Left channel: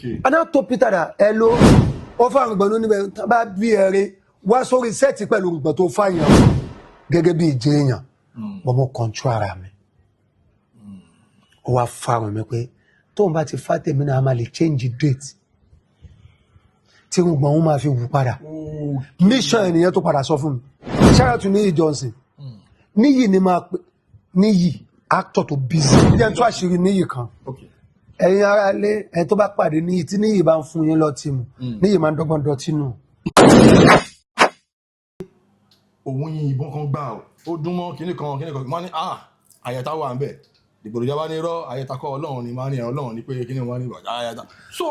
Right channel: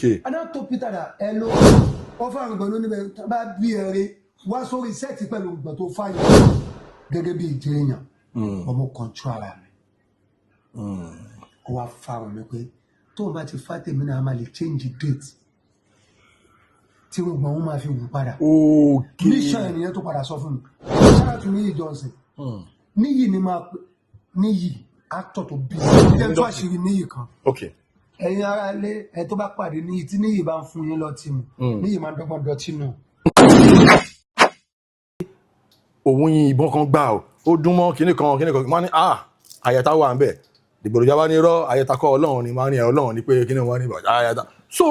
Okay. And I told Peter that hello, offer gbonu ni be tan ba bi ere wá sórí set pẹ̀lú gbon tó fa yan gẹ́gẹ́ bí ìjẹ èyàn. Mo control ara mi. Ó wá fa mi pé tó ń bá ti fa tèmi náà ma lè change date. Tí gbon ó ma fi wù padà. Mission ènìyàn tó padà sọ fún mi. Shout out to NIYI Johnson. NIYI ni ma NIYI actor tó busy. Ẹ tó àṣírí NIYI kan. Okay. Ẹ̀yin ará ilé ẹ tó bá pàdé NIYI tí NIYI bá ń fún yín lọ tí mu. NIYI máa ń dọ́gbọ́n dọ̀tí nù. Òun yin ìbọn kan gbà ó dún mọ́ kíní kan wọ́n ní àyẹ̀tá wà ń bẹ̀ ìgbòròjà wá ní rọ́ àyẹ̀tá kọ́ Ọlọ́run ni máa ní Ọlọ́run ni pé kíní wọ́n ní àyẹ̀tá. So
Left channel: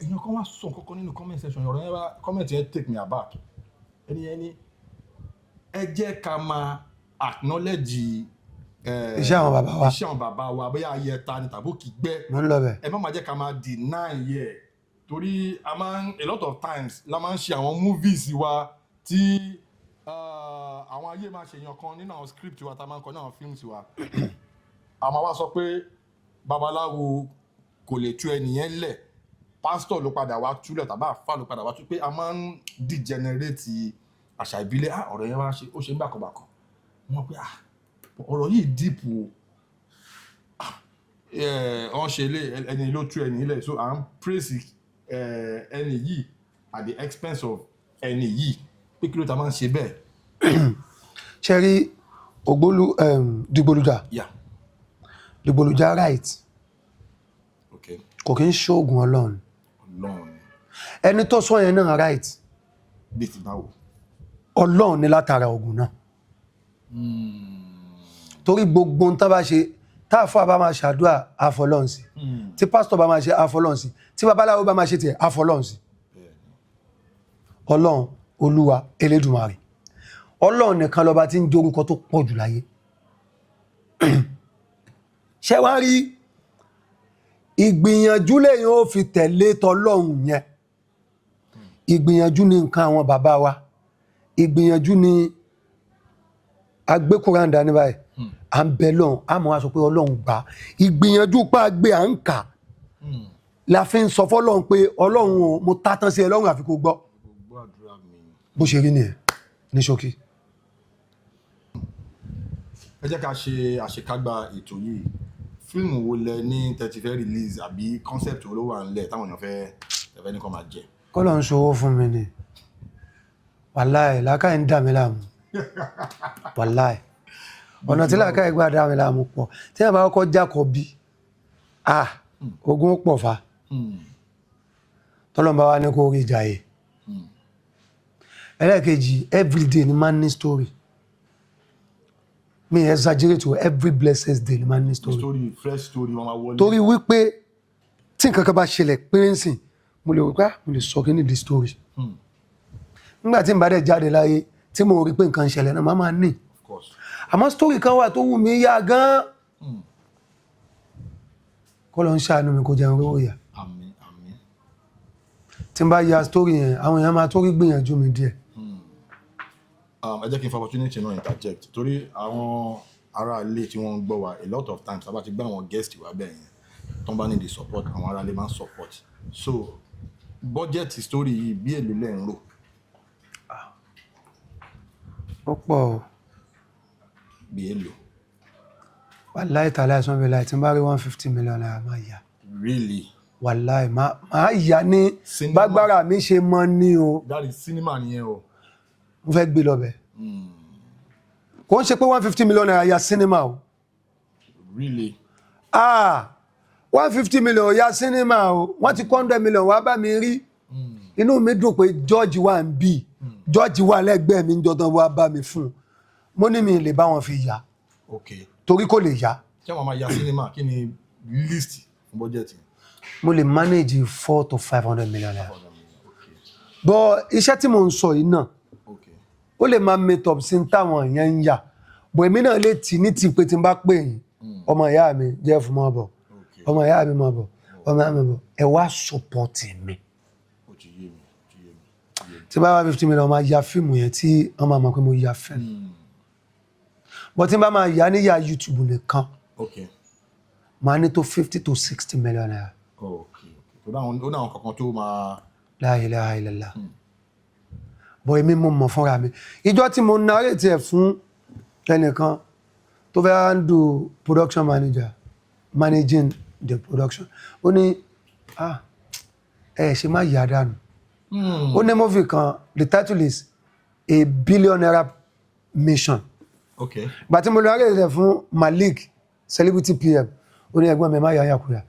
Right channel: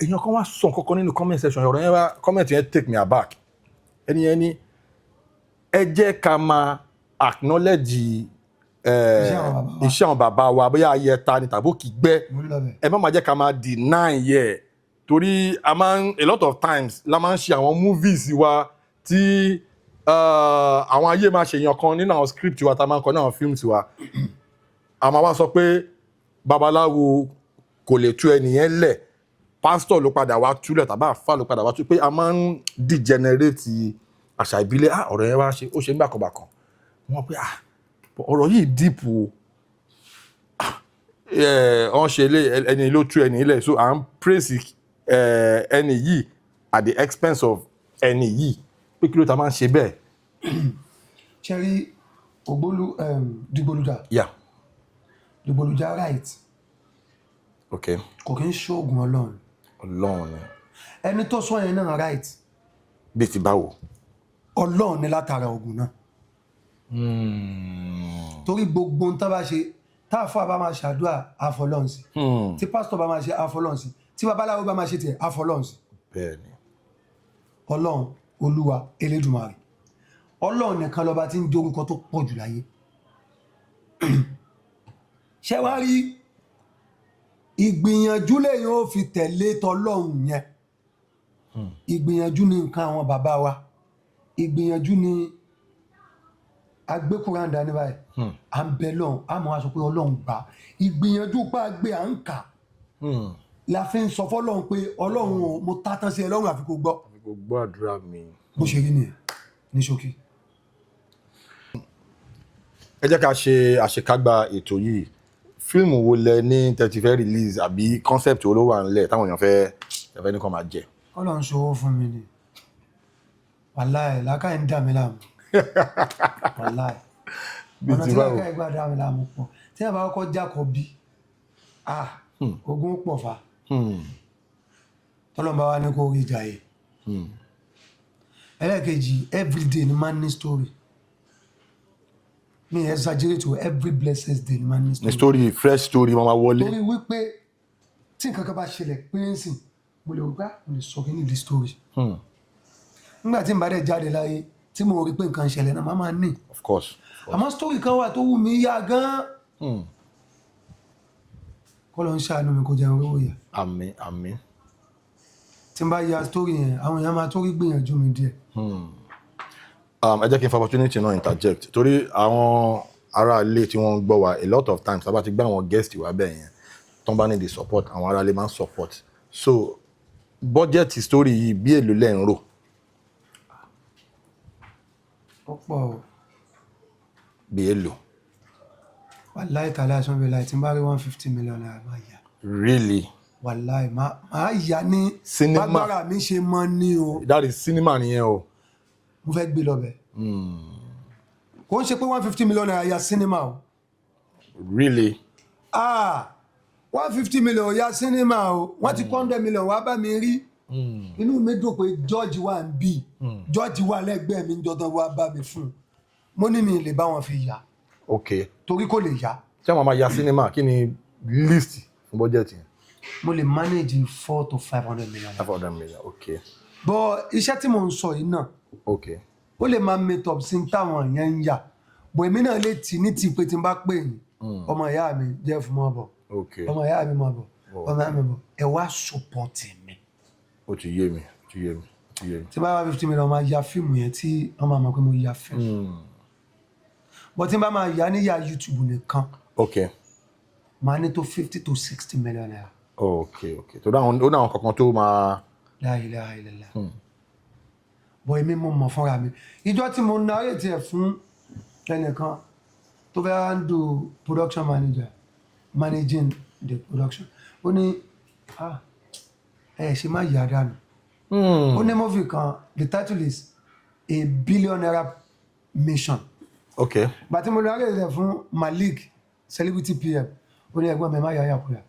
èèyàn kan wá sọ nǹkan nínú comment section ọ̀rọ̀ yẹn wá comment yẹn take me aback. Ẹni ní ẹ jẹ́ ká máa acknowledge iṣẹ́ àwọn bàbá wa bóyá ayẹta ni tàbí òkìgbẹ́ ẹ má máa jẹ́ ká máa deny yẹ torí a lot of times la máa ń ṣe àwọn movies wa tí àwọn ayé máa ṣe èèyàn kan nínú àwọn script wa tá a máa ń kọ ní àwọn films wa a máa wá sọ pé babaláwo kò lè tú ẹnìyẹn lẹ̀ pastor ló padà wá túlẹ̀ tàbí àfà ló padà wá tú pé a máa ń degenerate àṣà ìbílẹ̀ ọ̀rọ̀ yẹn wá ṣe ó ṣe ń bàkọ̀bàkọ̀ wọ́n pé ọ̀rọ̀ yìí deep o wọ́n ṣe ẹni ló tú ẹni ilẹ̀ so à ń praise ẹni yìí at the expense of ẹni yìí pé kí ló ta máa ń ṣe bẹ́ẹ̀. Ṣé rí Dìgbòlùjà? Yeah. Dìgbòlùjà right. Okay. Kò kí ń ṣoògùn Ọlọ́run. Ọlọ́run ni. Ẹni tó sọ yẹn náà right. Bí ti báwo? Ọlọ́run ni látara ogun náà. Torí gbogbo ohun tá bá ṣe tá àfáà bá máa ṣàdúrà àfọlọ́run sí. Tí pásítọ̀ bá máa ṣe àfọlọ́run sí. Tí babaláwo bá máa ṣe tiẹ̀ àfọlọ́run sí. Bẹ́ẹ̀ni. Ọlọ́run Olúwa Elédùmarè. Ọlọ́run nìkan lọba tí ń jẹ́ orúkọ tó pọ̀ jù láyé. Ṣé wá rí ìgbìyànjú lẹ́yìn ó fi tẹ̀lé tọlọ́run yẹn. Ìgbìyànjú ni nǹkan àwọn bàbá wa. Ìgbìyànjú ni agbé Kùránì dání báyìí. À ń bẹ lọ́hùn a mọ̀ wá sọ pé Ọlọ́run gbà. Ìgbìyànjú pa gbé à ń kà. La fi ń sọ fọ́lọ́run pé Ọlọ́run o mo tátán sí ẹ lọ́rùn àfi kó gbọ́. Kò gbọ́ àdúrà mi. Bó ṣe rí nìyẹn ní ṣókí. Ẹ jẹ́ ká ṣe àṣekágbá ètò yìí. Fíìmù wo lẹ ní tẹ́tí fẹ́ release àbí concept wo ló wà nílẹ̀ táwọn èèyàn fẹ́ ní kàn máa jẹ? Kọ́lọ̀ ń ṣòwò fún mi ni. Wàláì làákàyè ń dà mí láàmú. Wàláì. Ọ̀nà tí làákàyè gbà dà mí láàmú pọ̀. Tí a bá kọ́kọ́ jákọ̀ bí ogun pọ̀ fa. Tọ́lọ́mbà wa ní kó rí ìjà yìí. Ẹlẹ́ẹ̀kejì everyday ni man ní story. Me exaggerate to every blessed day ni man ní story. Fresh story mama wọlé. Torí wípé tí nǹkan kan bá ṣẹlẹ̀ pé ń sìn mo lè wípé mo lè sọ kí ní the story. Nígbà tí n bá dẹ̀ jáde láyé tí mo rí pé nǹkan ṣẹlẹ̀ náà máa ní. Of course. Àmọ́ story kan wà tó wù mí yá gan. Kọ́ ló ń ṣàánú mi kó jẹun owó yà. Àmín àmín. Tí n bá ya story yẹn àwọn èèyàn máa tó rí gbìyànjú mi díẹ̀. Ẹ jẹ́ kí n fa opportunity náà interject torí àwọn ará ilé tí wọ́n ń gbọ́ wa a lot of times tá bá ti gbé àwọn guest wa bẹ́ẹ̀ yẹn tó ń bá ní the support àwọn ará ilé máa ń support so budget story yìí bí èlò lẹ́ ń rò. Ó pọ̀. Bí èlò. Wàláì tàlẹ́ àìsàn bẹ̀rẹ̀ láì tí n bá rí 150 million naira máa yá. Really? Wàláì máa yá ní bágbára mi ṣe mọ́ ní o. That is cinema nìyẹn o. Mo fẹ́ gbé lọ bẹ̀. Kò ń ṣe pé 150 million naira ya cinema o. Really? 150 million ya cinema o. Wọ́n ti 100 million wá bá mi rí. Inú mi dùn pé George wà ń bì. George wà lẹ́gbẹ̀ẹ́ mi jọ̀dán wá bá mi fún. Mo ní mi lè bá wọn fi yá. Okay. Torí kò lè yá. Ṣé àwọn máa ya cinema kí ni list fún budget? Mo lè manage 400 to 500 million. 500 million, okay. But iṣẹ́ tí mo ń sọ yìí náà. Okay. Ó lè máa meet up sí táwọn èèyàn ń yà. Bọ̀ èmi náà lè tì ní ti pé tí n bá pè yín. Ọmọ ìyá mi Jeff mọ́ bọ̀. Ọmọ ìyá mi mọ́ bọ̀. Ọmọ ìyá mi bọ̀. Ẹ wá support mi. Ó ti yé mi. Tí bá wá 50 million máa ya fíìmù yẹn tí wọ́n máa mọ̀ pé mo ya fíìmù. But tí n bá máa yá ní ya YouTube nìkan. Okay. Máa ní tó 50 to 60 million naira. Okay. tó dáhùn ó dáhùn kankan tó máa. La ilaha illallah. Bọ̀ èmi mo mọ̀ fúnra mi ìjọ tí mo narrate ẹ̀ fún ẹnìkan tó fẹ́ handle production manager managing the production ó ní ṣe má yà dànù ó ní movie kan the title is A Billionaire Mission. Okay. But tí mo narrate ẹ̀ fún Malik celebrity PM ó ní ẹ̀gbọ́n mi má yà yàkúyà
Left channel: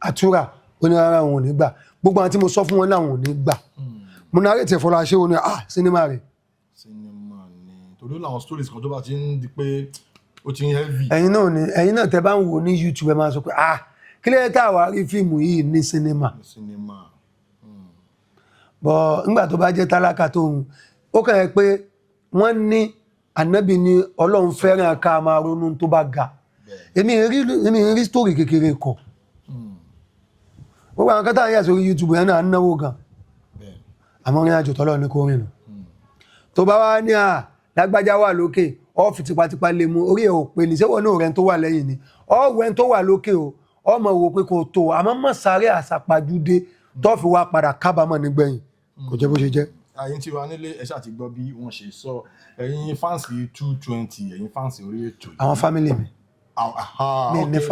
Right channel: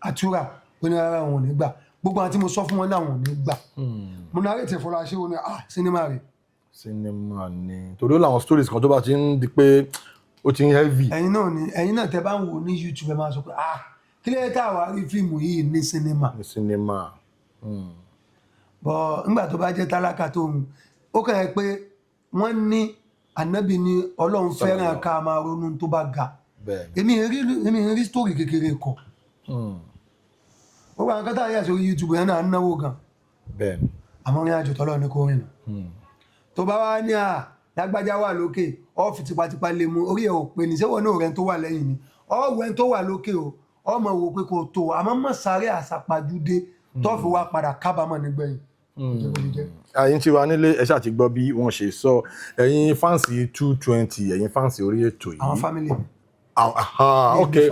àtúrà ó ní ara òun ò ní gbà gbogbo àwọn tí mo sọ fún wọn náà wọn ò ní gbà mo narrate ẹ̀ fọlá ṣé ó ní sinimá rẹ̀. Sinimá ni torí ó làwọn stories kan tó bá ti ń di pé ó ti ń heavy. ẹ̀yin náà tẹ́ bá ń wò ní YouTube ẹ máa sọ pé kí ló yẹ tá a wá rí fíìmù yìí ní sinimá. bọ̀ nígbà tó bá jẹ́ tálákà tó ń ó kàn yẹ pé wọ́n ní ànábì ní Ọlọ́run fẹ́ràn ká máa ronú tó bá ga èmi ń rí story kékeré kọ gbogbo àwọn kátà yà sórí YouTube yẹn náà ń náwó gan àmọ́ orin àjò tọ́lọ́ ní kó rìn nù tó bá wá ní lágbájá wà lókè ọ́ọ̀fì tipátipá lè mú orí ẹ̀ ò pé ní sẹ́wọ̀n náà rẹ̀ tó wà lẹ́yìn ni ọ̀wẹ́ tó wà lókè o ọmọ wò pé kò tó àmọ́ mọ̀ sáré àsàpàjúdé tó fi wá padà kábàámọ̀ nígbẹ̀yìn kò jẹ́ bó ṣe jẹ́. ẹ̀yin tí wà nílé ẹ ṣáà ti gbọ́ bí wọ́n ṣe sọ ẹ̀yin fáǹsì 220 ẹ̀yin fáǹsì orí ètò yìí. àwọn fámìlì mi. Okay.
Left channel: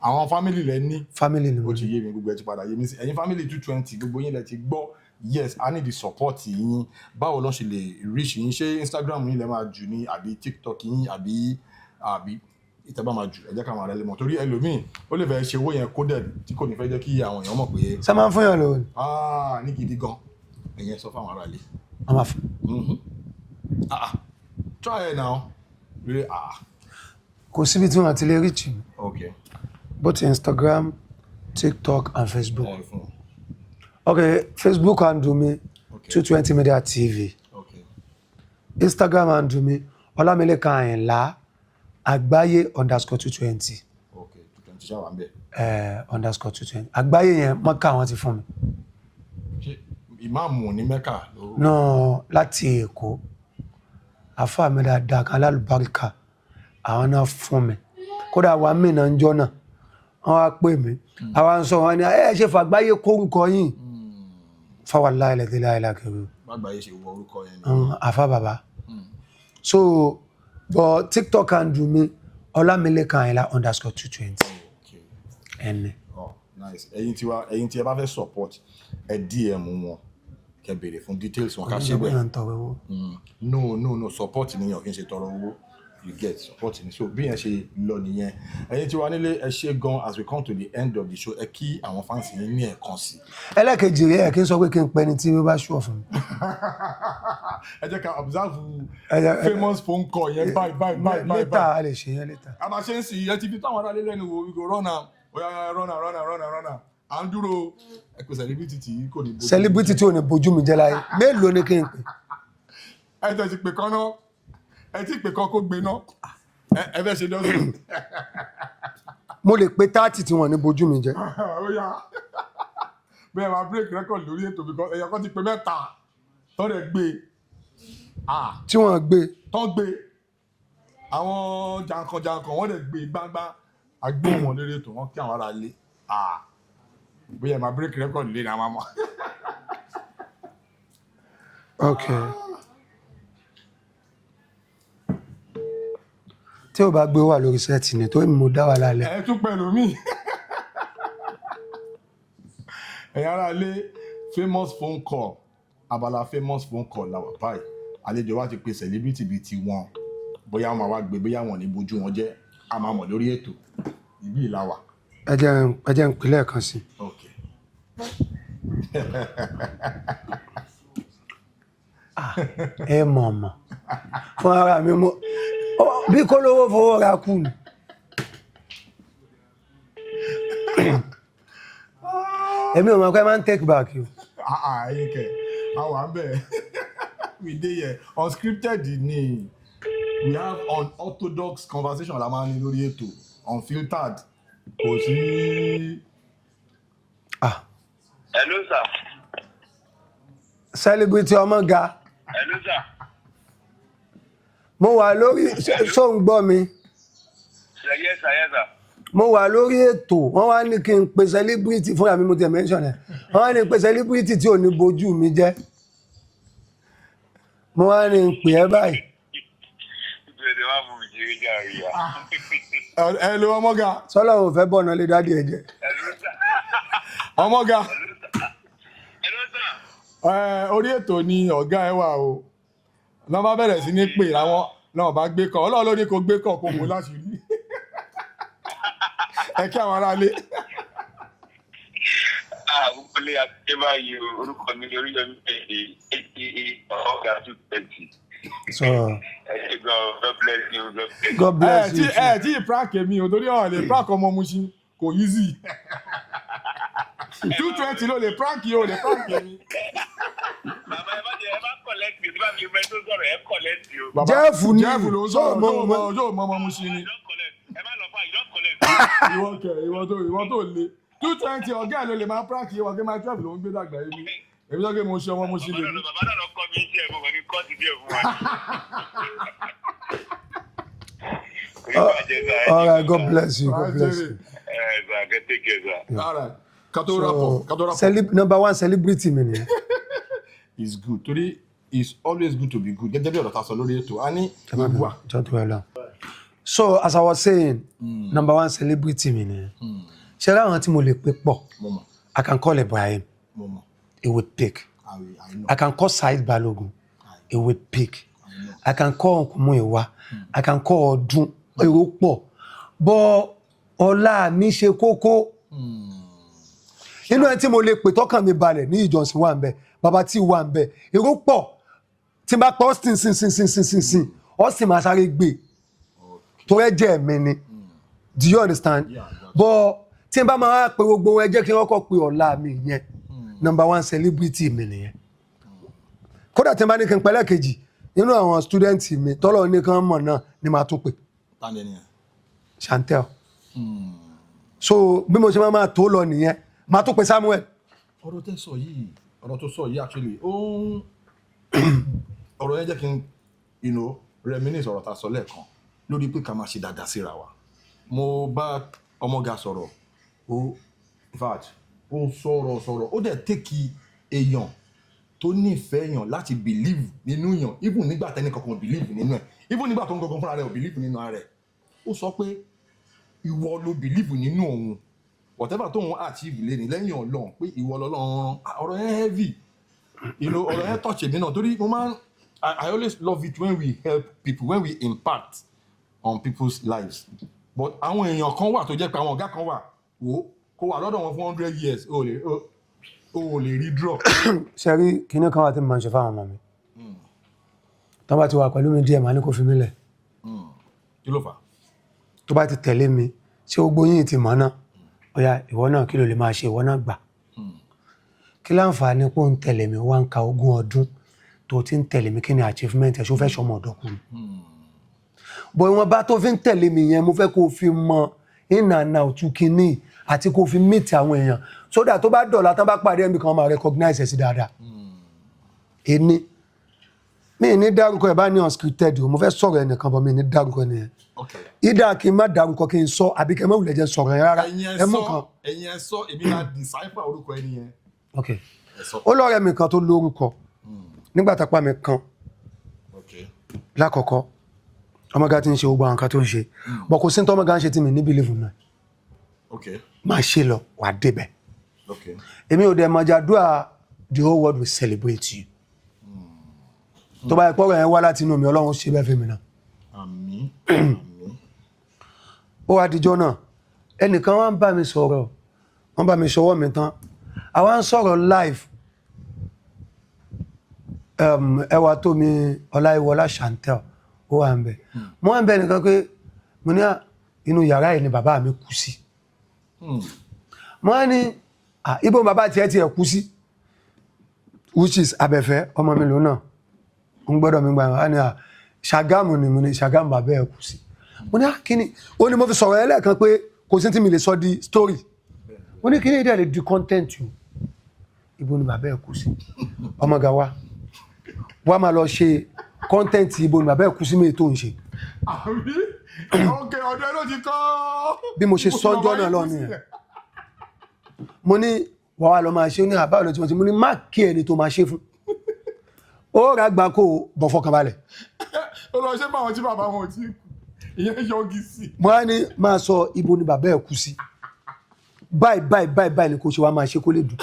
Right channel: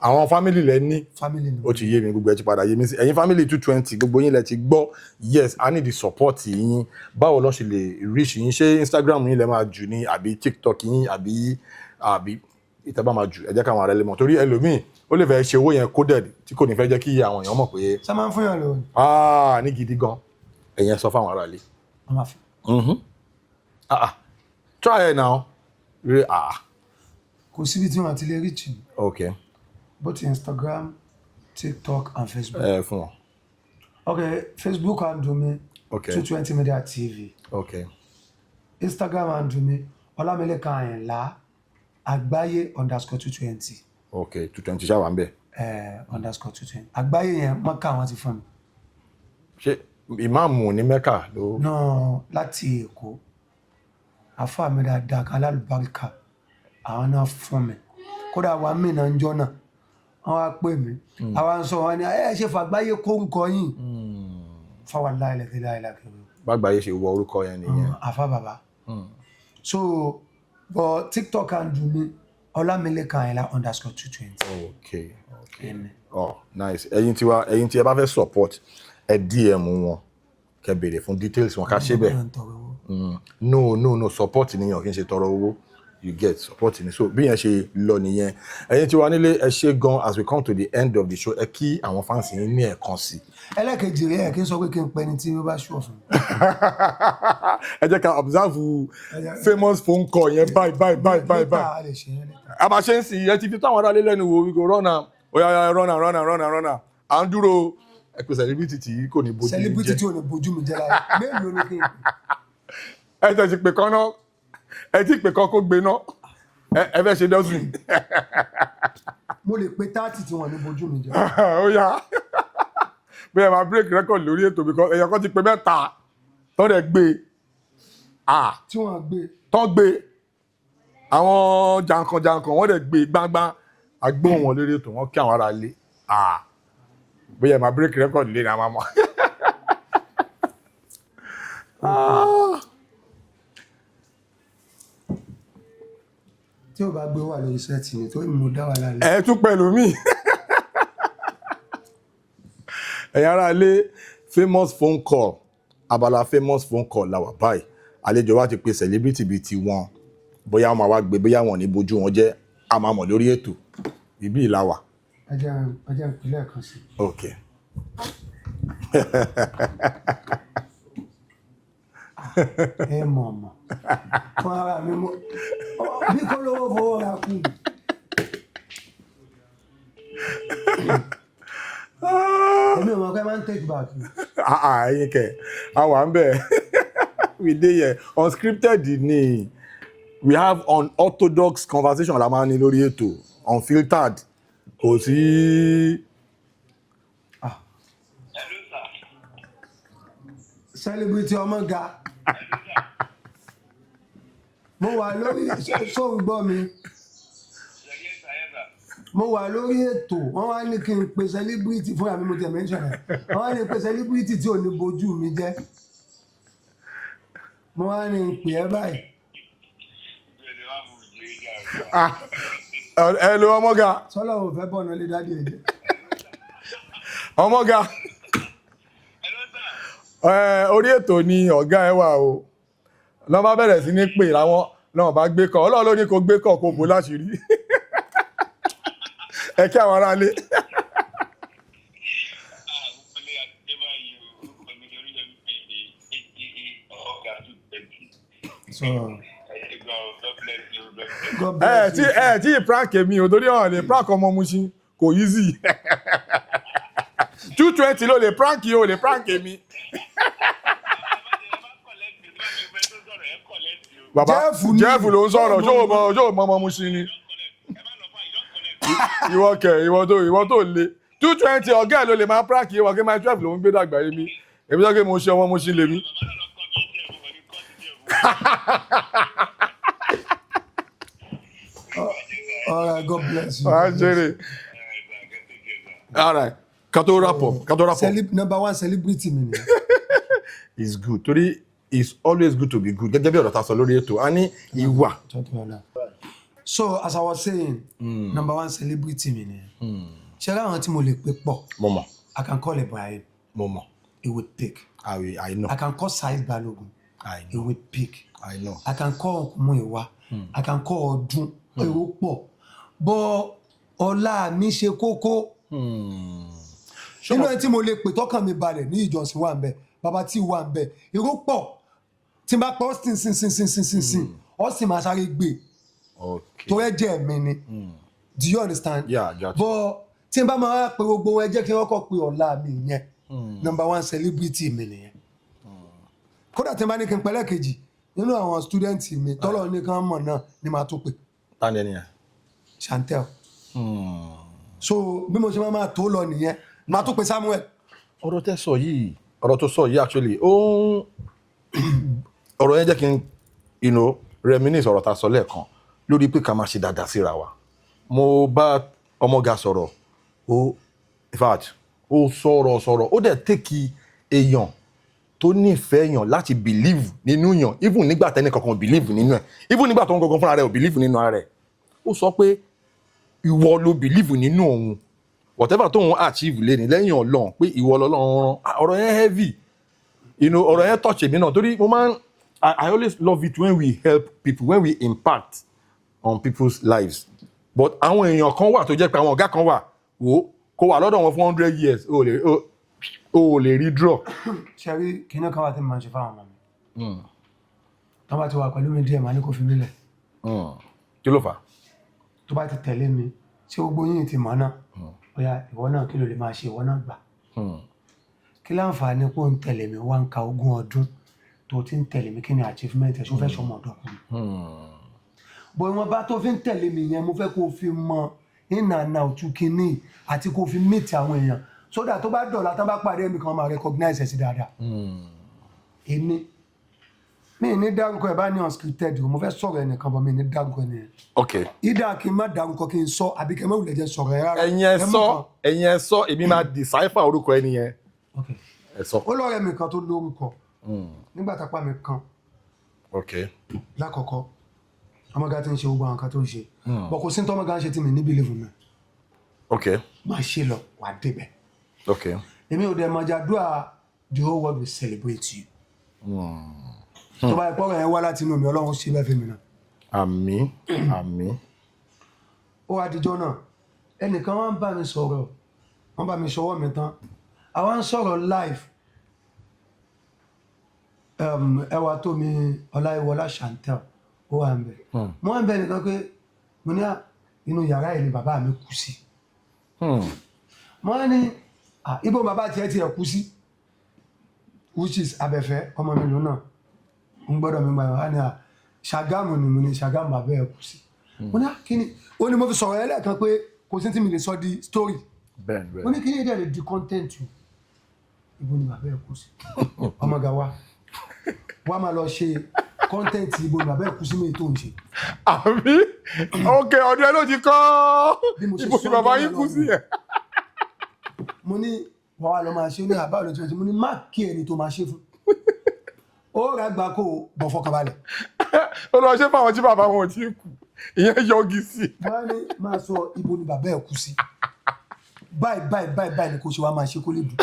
Àwọn fámìlì lẹ ní. Fámìlì ni. Ó ti yé mi gbogbo ẹ ti padà yé mi sí. Ẹ̀yin fámìlì 220 gbogbo yín lẹ ti gbọ́. Yes, I need the support yín. Báwo ló ṣe lè reach yín? Ṣé Instagram yín lẹ máa jù ní àbí TikTok yín àbí ìtẹ́bá máa jù? Ẹ jẹ́ káwọn ará lè mọ̀. Torí ẹlòmíì ó lè fẹ́ ṣe owó yẹn coded tí kò ní fẹ́ jẹ́ kí àwọn èèyàn mọ̀ pé. Ṣé máa ń fún yàn lówó? Ní gidi gan. Ẹ̀yin sọ fáwọn ará lè. Wọ́n máa fún. Try it now. Kò síbi tí wọ́n ti lè reach. Okay. Both Instagram, TikTok and Facebook. Fún wọn. Okay, Facebook handle me. Okay. 220 Media TV. Okay. Instagram handle me. OLAMILEKAN AYINLA Agbaye _220. Okay, 220 ṣá wà ń bẹ̀. _220. Agbaye yẹn Mọ́kà wọ́n ti fún mi. Ṣé ìmáàmù ní Mẹ́kà ló? No, láti Èkó. Àfáà mi dáadáa kan lálùbáríkà. Àwọn náà fún mi. Kódà wà mí náà ń jọ náà. Wọ́n á pè mí. Àwọn sọ wọn ni ṣe fàgbáyé kórúkọ yìí. Fáwọn láìlẹ̀ láìlákẹ̀rù. Bàgbáyé ṣe wọ orúkọ yẹn ni. Àfá bàbá. So, but TikTok handle mi OLAMILEKAN AYINLA _220. Okay. Ẹni. Oh, nice. Ẹ̀yin tí ẹ bá fẹ́ support ẹ DM wọn kẹ́ béèrè fún details wọn ká ṣe bẹ́ẹ̀. No, support nìyẹn kì í ṣe tọrọ owó. You get support ni. So bí yẹn ṣe lọ nìyẹn. Ẹ̀yin tí wà nílé ẹ ṣé gan as we come to the end of the show ẹ kí àwọn fans yín ní ẹ̀kan sí. Ẹlẹ́kejì rẹ̀ kí n sọ pé kí n pẹ́ ni tí ó bá ṣùọ̀ fún mi. Ẹ jẹ́ ká observe famous phone call yẹn bye. Later a lè ṣe yẹn later. Àbá ṣe ń sìn ẹ ti fi táwọn ará lé lẹ́nu wo we go run am. Oya run am. À ń dúró ẹ pé celebrity tí kò ní bójú. Celebrity tí ò ní bójú mi jẹ́ láyé. Mélòó ni kí n pè? Ẹ tẹ̀ sí pé kan náà. Ẹ ti pè kan kó gbé náà. Ẹ fẹ́ ṣe dọ́sùn. Mo lè pe 30 tí wọ́n ní bójú mi jẹ́. Ó yá. Bí ẹ máa break record lórí ètò because èèyàn kan ti pè mẹ́ta tó rẹ̀ gbé. Tí wọ́n gbé. Tán gbé. Àwọn jàǹkàn wọ́n rẹ̀ gbé gbágbá. A gbé wọn lórí ètò wọn kí àwọn ará lé. Bí ẹ máa break record lé ní àwọn ọmọ. Okay. Tí o bá gbé wà lórí sẹ́ẹ̀tì ni tó mo dá wà lálẹ́. Ẹ tún pẹ̀lú mi. Ẹ̀yin ará lé famous phone call abala famous phone call la wà báyìí. Àlejò wa ti pe celebrity bíi ti wọn bóyá wọn máa wá gbé bóyá wọn ní bójú wọn jẹ́ a máa mọ̀ lórí ètò ibi ìlà wà. Ẹ jẹ́ n pè lẹ́ẹ̀kan sí. Okay. Ẹ mọ̀ fún ara mi mo bí kò lówó fowó ra kù. Èmi ò mọ̀ pé máa ń take back you. Ẹyin kẹ àwa ń bẹ̀ we dey here unscripted ni we have unorthodox conversation la máa ní lórí ètò unfiltered kò sí. Hello sir. Celebrity ọmọ ga. Hello sir. Mo wà lórí ṣó ń gbọ́ mi. Yes sir. mo wà lórí ètò wọ́n wá ní kí n pe celebrity fúnra mi mo tẹ̀ mention ẹ̀ wọ́n wá ní pe celebrity tí ò ní bojú mi jẹ́ mo wá ní pè ẹ́ báyìí. ẹ lo ọmọga. sọlá ò fẹ́ bọ̀ náà lé dádì ẹ̀ jẹ́. ọmọga orí ètò ni ọ̀gá ẹ wà o lọ́ bá bẹ̀rẹ̀ sí ní pè láwọn náà bá gbé kọ́ ọlọ́run ló ní kó gbé kọ́ kó bò láṣìírí ẹ kí àwọn aráalé. Olè àti báyìí orúkọ mi lórí yọmí ọ̀gá 220. God bless you. ẹ tí prank èmi ò torí ọ̀hún lè prank ọmọ Mushin kò easy 220 ló lè prank yìí ò lè prank èmi. Jeff ló ń sọ̀rọ̀ ṣó mọ ọmọ Mushin ni. ìwọ tó le 220 ọ̀gá ẹ̀ ló lè máa prank yìí wọ́n kí máa 12 ló ń gbé dàgbà yìí mi èmi sọ pé mo ṣe ọmọ Mushin lè mi. All right, God bless you. All right. Kato rapport. Number one celebrity mi ni. It's good. Torí it's always good to be good. Gẹ́gẹ́ bí ọ̀rọ̀ ta sọ lórí ètò. A ní ìwà. So as I was saying, number one celebrity mi ni. Ṣé ráwọn tí mo lè pè pọ̀? Mo mọ̀. I can call Ibrahim. Mo mọ̀. He would pick. I know. I can call Said Balogun. He would pick. I know. I can call Muiwa. I can call Odun. Èrò pọ̀. But ọlá mi ṣe kókó. Nínú ẹni tí mo lè pè tọ́kàn mi balẹ̀ NIYI Johnson wà ńbẹ̀, Baba T wà ńbẹ̀. Èrò pọ̀. Tí n bá pa Austin sin. Austin máa sáré gbé. Okay. Tó ẹ̀jẹ̀ mi ni. Do you understand? Yeah, gotcha. But tí n bá máa pe gbogbo ẹ jẹ́ kí wọ́n kọ́ pe ọlá mi yẹn. Number one celebrity mi nìyẹn. Kódà tí n bá ní kí n pẹ́lẹ́ kejì nínú àwọn student mi tọ́lọ̀ ní kán mọ̀ náà ni màá tún pè. Tani ẹni yẹn? Chantel. So bí mo ṣe máa tó lọ nìyẹn màá tún pè Samuel. Ọ̀rọ̀ tó sọ yìí actually ọ̀rọ̀ yẹn jẹ́ kí n reminisce ọ̀rọ̀ ta sọ lẹ́ẹ̀kan lórí pé ká máa ṣe dáadáa síra wa. Mo bá ọmọga sọ̀rọ̀ in fact ó sọ̀rọ̀ ó dẹ̀ tẹ́kì èèyàn tó nífẹ̀ẹ́ èèyàn láti believe nínú èèyàn even nígbà tẹ́ni kankan believe nínú ẹ̀ even nígbà tó ń kankan fúnra rẹ̀ ò believe nínú ara rẹ̀ ó sọ pé ìwọ ló believe nínú òun whatever tó ń achieve lé ní lẹ́yìn Ọlọ́run pé ìwọ lọ́lọ́run rán ọ̀rọ̀ yẹn heavy ọ̀rọ̀ yẹn touch èmi náà torí mo máa ń I always love it when we help people when we impact on people's lives but àwọn èèyàn kan wà tó jẹ́ pé àwọn ọ̀gá kan wà kó wà lọ́dọ̀ wọn fún 100 years o lè rí draw. Ṣé rí kinní kan wà tí mo máa ń ṣe fáwọn ọmọ mi tó bá ti wà pẹ̀lú mi díẹ̀ máa ní kó fi mí lẹ̀. Kí ló fà? Tó bá ti tẹ̀lé mi ṣé gbogbo yín ti mọ̀ náà ọ̀yà ìwọ náà kí ló lè máa ṣe ìwọ náà gbà. Kí láǹfààní kó ń tẹ̀lé mi wá ń ka 20 ọdún tó ti ń tẹ̀lé mi kí ni achievement ẹ̀ ṣó fẹ́ ṣọmọ ọ̀dọ́kùnrin. bọ̀ ìwọ̀n bá tó fi ń tẹ̀lé mi yẹn mo fẹ́ kó fi mọ ìnànà òtún kínní àti kó fi meet àwọn èèyàn sódà tó bá dọ̀la tán bá pàdé ẹ̀mí kan máa recognize ẹ̀ sí dáadáa. Èmi mi ní dárúkọ ẹ̀ bá ní unscripted o mo fẹ́ sọ̀rọ̀ ẹnìkan bọ̀ mi ní dárúkọ nìyẹn. Okay. Ìdá kí n má dárúkọ kí n sọ àbí kí n má wulẹ̀ jẹ́ sọ̀rọ̀ yẹn rárá. ẹ̀yin ẹ sọ èmi máa decipher orúkọ ẹni yẹn. Okay. Ó lọ́rẹ̀ mi kan tó lórúkọ nígbà tápá mi kan. Okay. Lákọ̀ọ́kọ́ ọmọga ti ń ṣe gbogbo àwọn nǹkan tó ń ṣe bọ̀ kò sí tó ọmọga ń ṣe tí mi ní believe mi. Okay. Máa ṣe lọ wà débẹ̀. Okay. Èmi ò dẹ̀ mọ̀jàdúrà the whole world will celebrate you. Tó bá ẹ̀pọ̀ rẹ̀ wá láti inú mi Ọlọ́run ṣe bẹ́ẹ̀ fẹ́ mi náà. Àmín. Ó wá dijọ́ náà ẹnìkan wá ń bá mi sọ̀rọ̀ wọ́n bá mi ṣọwọ́ mi tán àwa ń sọ̀rọ̀ live ẹwà tó mi Ọláìwọlá Chantel ó wà ń bẹ̀. Mo wá ń bẹ̀ nìkan pé mo ní inú yàrá yìí ni bàbá mi kú sí. Mo wá ní ibo bàbá tiẹ̀ kú sí which is Abẹ́fẹ́ ọmọ mi lónà ń gbọ́dọ̀ mi gbà wá ní Ṣàgámù ni mo ní Ṣàgámù bàbá ẹ̀ kú sí. Mo ní kíni ó ní mo fi sọ̀rọ̀ ẹlẹ́ẹ̀kan pé kò sí tí mi lè sọ di story. Mo ní kíni ìdẹ̀ lè di content yìí ibo ni bàbá ẹ̀ kú sí ọmọga wa máa lọ ṣe content ibo ni bàbá ẹ̀ kú sí mi tó ń ṣe. Àbí okay ọdún ẹ ló ti kọ́. Bí mo ṣe sọ jọ́nà lọ́nà mo ní wàá lọ máa ṣe ní àbá ọ̀nà tí mo ní má kí ẹni tó máa ṣe fún. Ó rà gbà kó bọ̀ fọkànbalẹ̀. Ó lọ ṣe fáwọn tí bàbá wọn ti kú. Ìyẹn yọgi sí. Wọ́n á ní máa sọ ibo ni bàbá ẹ̀ kú sí. Báyìí ni kò ṣe wá máa ṣe kó lè dùn.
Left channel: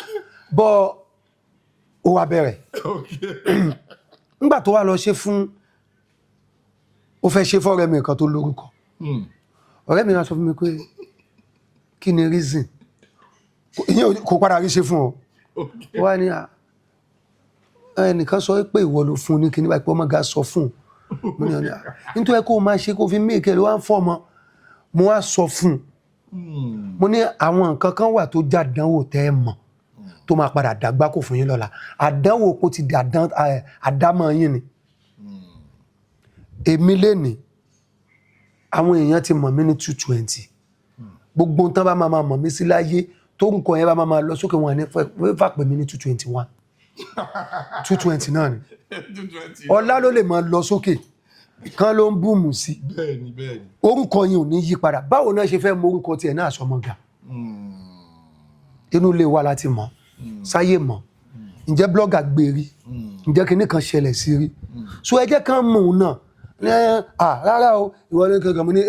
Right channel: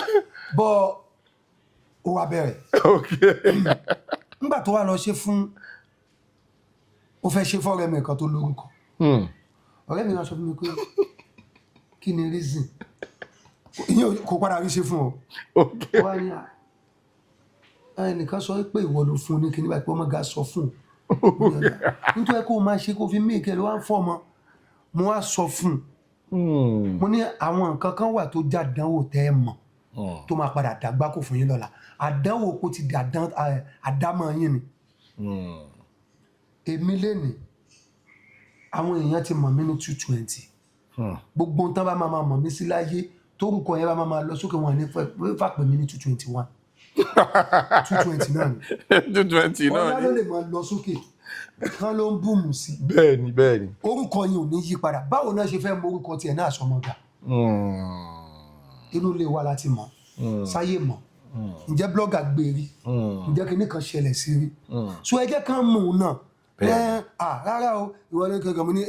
Bọ́ ó wá bẹ̀rẹ̀. Nígbà tó wá lọ ṣe fún ó fẹ́ ṣe fọ́rẹ́ mi kan tó lórúkọ. Ọ̀rẹ́ mi wá sọ fún mi pé kí ni reason ìyẹn kò padà rí ṣe fún ọ. Wá ní ẹnìkan sọ pé ìwọ ló fún ní kíní báyìí pé ọmọ ga sọ fún nítorí kó máa ṣe kó fi mí ìkẹlẹ wá ń fọ́ ọmọ mo wá sọ fún mo ní àwọn nǹkan kan wà tó já àdánwò tẹ́ ẹ mọ̀ tó máa padà dàgbà kò fún yín lọ́la àdánwò kò ti di àdámọ̀ yín ni. Èmi lénìí àwọn èèyàn ti mọ̀ mí ní 220 gbogbo tán bá máa mọ̀ mí sí láyé tó ń kọ yẹn bá máa lọ sókè wọn ní fà pè mí ní 221 220 náà ni 220 náà ọlá ló lè máa lọ sókè kan ló ń búùmù sí. Bẹ́ẹ̀ni. Orúkọ yẹn ò ní yí padà báwo náà ṣe fẹ́ mọ orúkọ tiẹ̀ náà sọmọgbà. Inú ilé wa láti mọ̀ sáyé mọ̀ ǹjẹ́ blọ́gà gbèrí ǹjẹ́ kinní kan ṣẹlẹ̀ sí rí so ẹ jẹ́ ká mọ̀ òun náà rárá o ìwọ ní kankan mo ní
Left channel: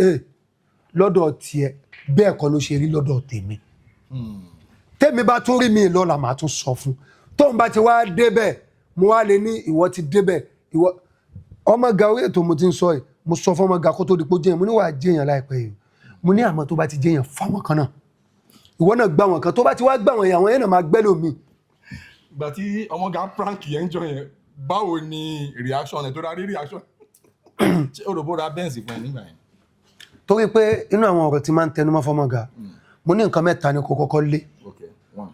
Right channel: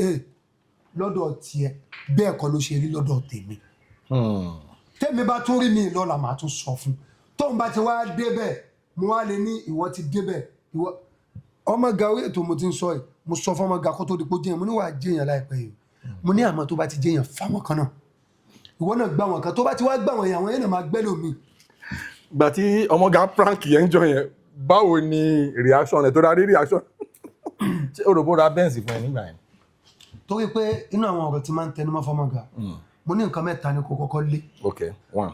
lọ́dọ̀ tiẹ̀ bẹ́ẹ̀ kọ́ ló ṣe rí lọ́dọ̀ tèmi. Tèmi bá tún rí mi lọ́la màá tún sọ fún tóun bá ti wá débẹ̀ mo wá lè ní ìwọ ti débẹ̀ ìwọ ọmọ ga orí ètò mo ti ń sọ yìí mo sọ fún ọmọ ga kó tó di pé jẹyàn mo ní wàá jẹyàn láìpẹ́ yìí mo ní àmọ́ tó bá ti jẹyàn fáwọn kan náà ìwọ náà gbà wọn kan tó bá ti wá gbà wọn yẹn àwọn yẹn náà máa gbẹ́ lómi. Gbà tí ọmọ ga prank yẹn ń jọ yẹn báwo ni reaction ẹ̀ tó rárí reaction ṣé òròbó ra bẹ́ǹsì fún ẹ nígbà yẹn. Torí pé inú àwọn ọ̀rọ̀ tí máa ń tẹnu mọ́ fọmọ ga mo ní nǹkan mẹ́ta ni kò kọ́kọ́ lé. Okay, one.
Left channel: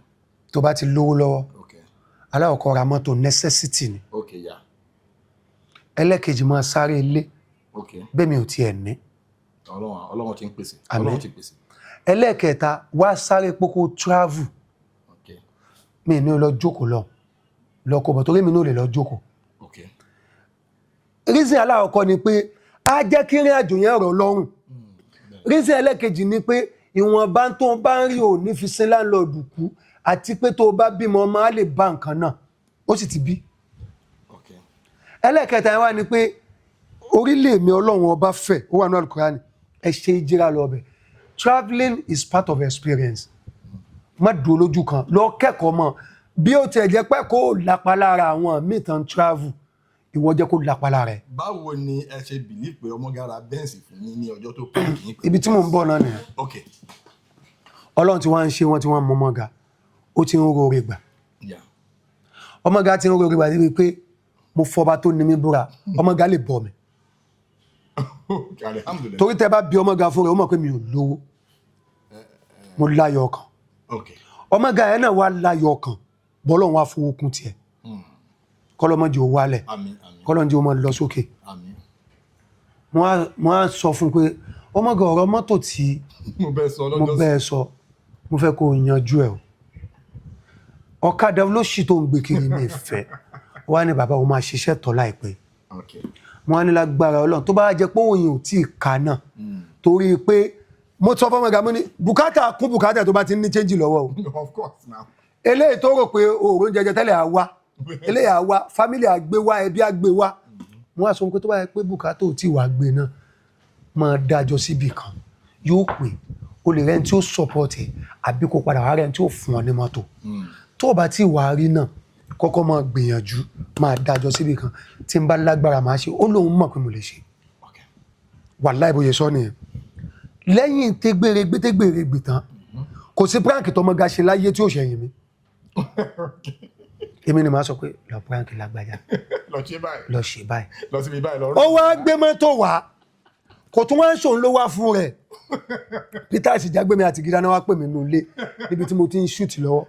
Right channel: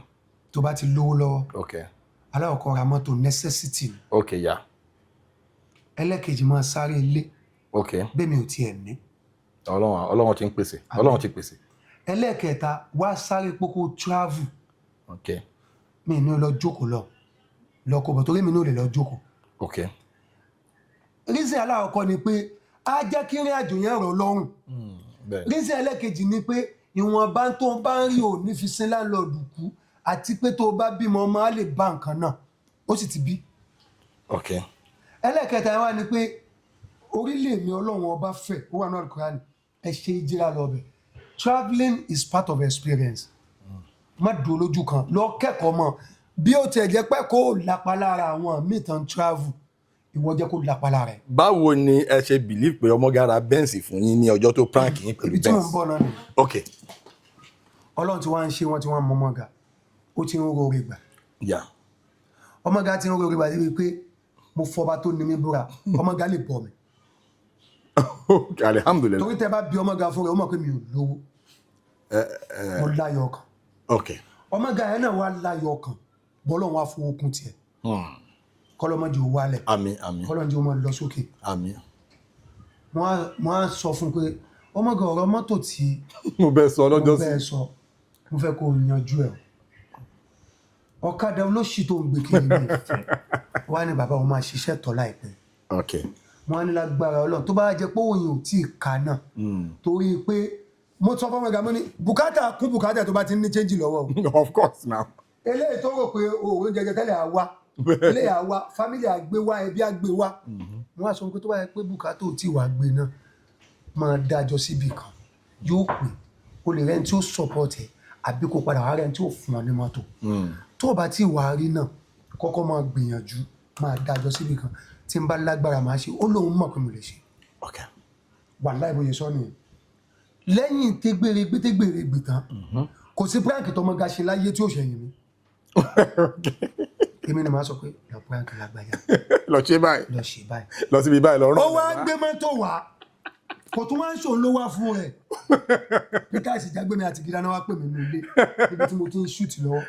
Tó bá ti lówó lọ́wọ́. Okay. Aláwọ̀kọ́ ra mọ́tò necessity ni. Okay, yeah. Ẹlẹ́kejì máa sáré ilé. Okay. Bẹ́ẹ̀ mi ò tiẹ̀ ní. Ọlọ́run ti ń pèsè. Ọlọ́run ti pèsè. Ẹlẹ́kẹta wá sáré pókó travel. Okay. Mi ní lọ jókòó lọ kó bọ̀ torí mi ní ò lè lọ jókòó. Okay. Reason aláwọ̀kọ́ ni pé á jẹ́ kí ìrìn àjò yẹn rọ̀ lọ́rùn. Reason ẹlẹ́kejì ni pé ìwọ̀nba tó bá ń rí ò ní fi sin láńlọ́ọ̀dù kú àti pé tó bá bímọ máa lè bá nǹkan náà ó sì ti bí. Okay. Ẹlẹ́kẹta wá ni pé orílẹ̀ mi Ọlọ́run ọba fẹ́ ó wà ní Al-Qur'an ẹ ṣe ìjìrà lọ bẹ̀. Traveling is part of experience. Má dúró lójú kan lọ kẹ́kọ̀ọ́ mọ̀ bí ó tiẹ̀ jẹ́ pé kó lápá lára àwọn míì tán travel ìwọ jẹ́ kó lápá lára ẹ̀. Báwo ni ẹ ṣe believe pé ọmọ gara bẹ́ǹsì fún yín ní ọjọ́ tó prank yín pẹ̀lú ibi tí mò ń bọ̀ náà nìyẹn. Okay. Ọlọ́run tí wọ́n ń ṣe wọ́n tí wọ́n mọ ọmọ ga ó ti ń rọrẹ gbà. Ọmọ ga ti ń rọrẹ gbà débi pé mo fọba tó ní mi búra ọmọ ga lè bọ̀ mi. Alhamdulillah. Torí tẹ́ bá bí ọmọ ga fún rẹ̀ ó mọ̀ pé mi ò lówó mo láyọ̀ ọkàn. Okay. Ọmọ ga yẹn náà wá láyọ̀ ọkàn bọ́lọ́run wá fowó kún tiẹ̀. Kọ́lọ́mọ́jì ó wálẹ̀ kọ́lọ́mọ́jì ó máa lọ sókè. Mo á sọ fún pé ọmọ ga ọ̀rọ̀ mọ́tò tí mo bẹ́ẹ̀ sọ mo fẹ́ kó yanjú ẹ̀ o ọ̀kadà olóṣì tó ń gbé kiri ní ìfẹ́ wá ní bàbá o máa ṣiṣẹ́ tọ́ láìpẹ́. Okay. Wọ́n á ní lágbára Ọlọ́run tó bá jẹ́ pé òun ò tí ì ka náà torí pé mo sọ fọ́mọ ga mo ní bùkátà kún bùkátà tó bá ti ní change lọ́wọ́ o. Of course now. Eléyìí tó rò pé òòrùn jẹjẹ tẹ́lẹ̀ àwa eléyìí àwa family àgbé wá ẹbí àgbé wá wọ́n á sọ pé tó bá yẹ pé bùkátà ò tí ì wá gbé náà máa dájọ́ síbì kan yóò pè o lè rẹ́ni tí ó support ẹ̀ àbí kó padà wá rẹ́ni tí ó fún ọ ní mọ́tò tó o bá tí wà á rí náà kọ́kọ́ máa gbìyànjú máa dájọ́ síbì kan tí n bá lágbára máa ṣe ó lóun mọ̀ pé mo lè ṣe. Wàláhì bóyá sọ nìyẹn lẹ́yìn tẹ́gbèrègbè tán kò sí prank tọmọ ga ṣe láyé tí ó ṣẹ̀yìn mi èmi ni màá sọ pé lọ prank lágbájá lọ ṣe báyìí lọ síbi báyìí lọ rọ. ó wá gbé mọ́tò wá kò tún wá ń ṣòun ló wá fún rẹ̀ PETER Ijagbemi àti gíga náà wá pè mí nínú ilé níbi tí mo ti ń shoot lọ́wọ́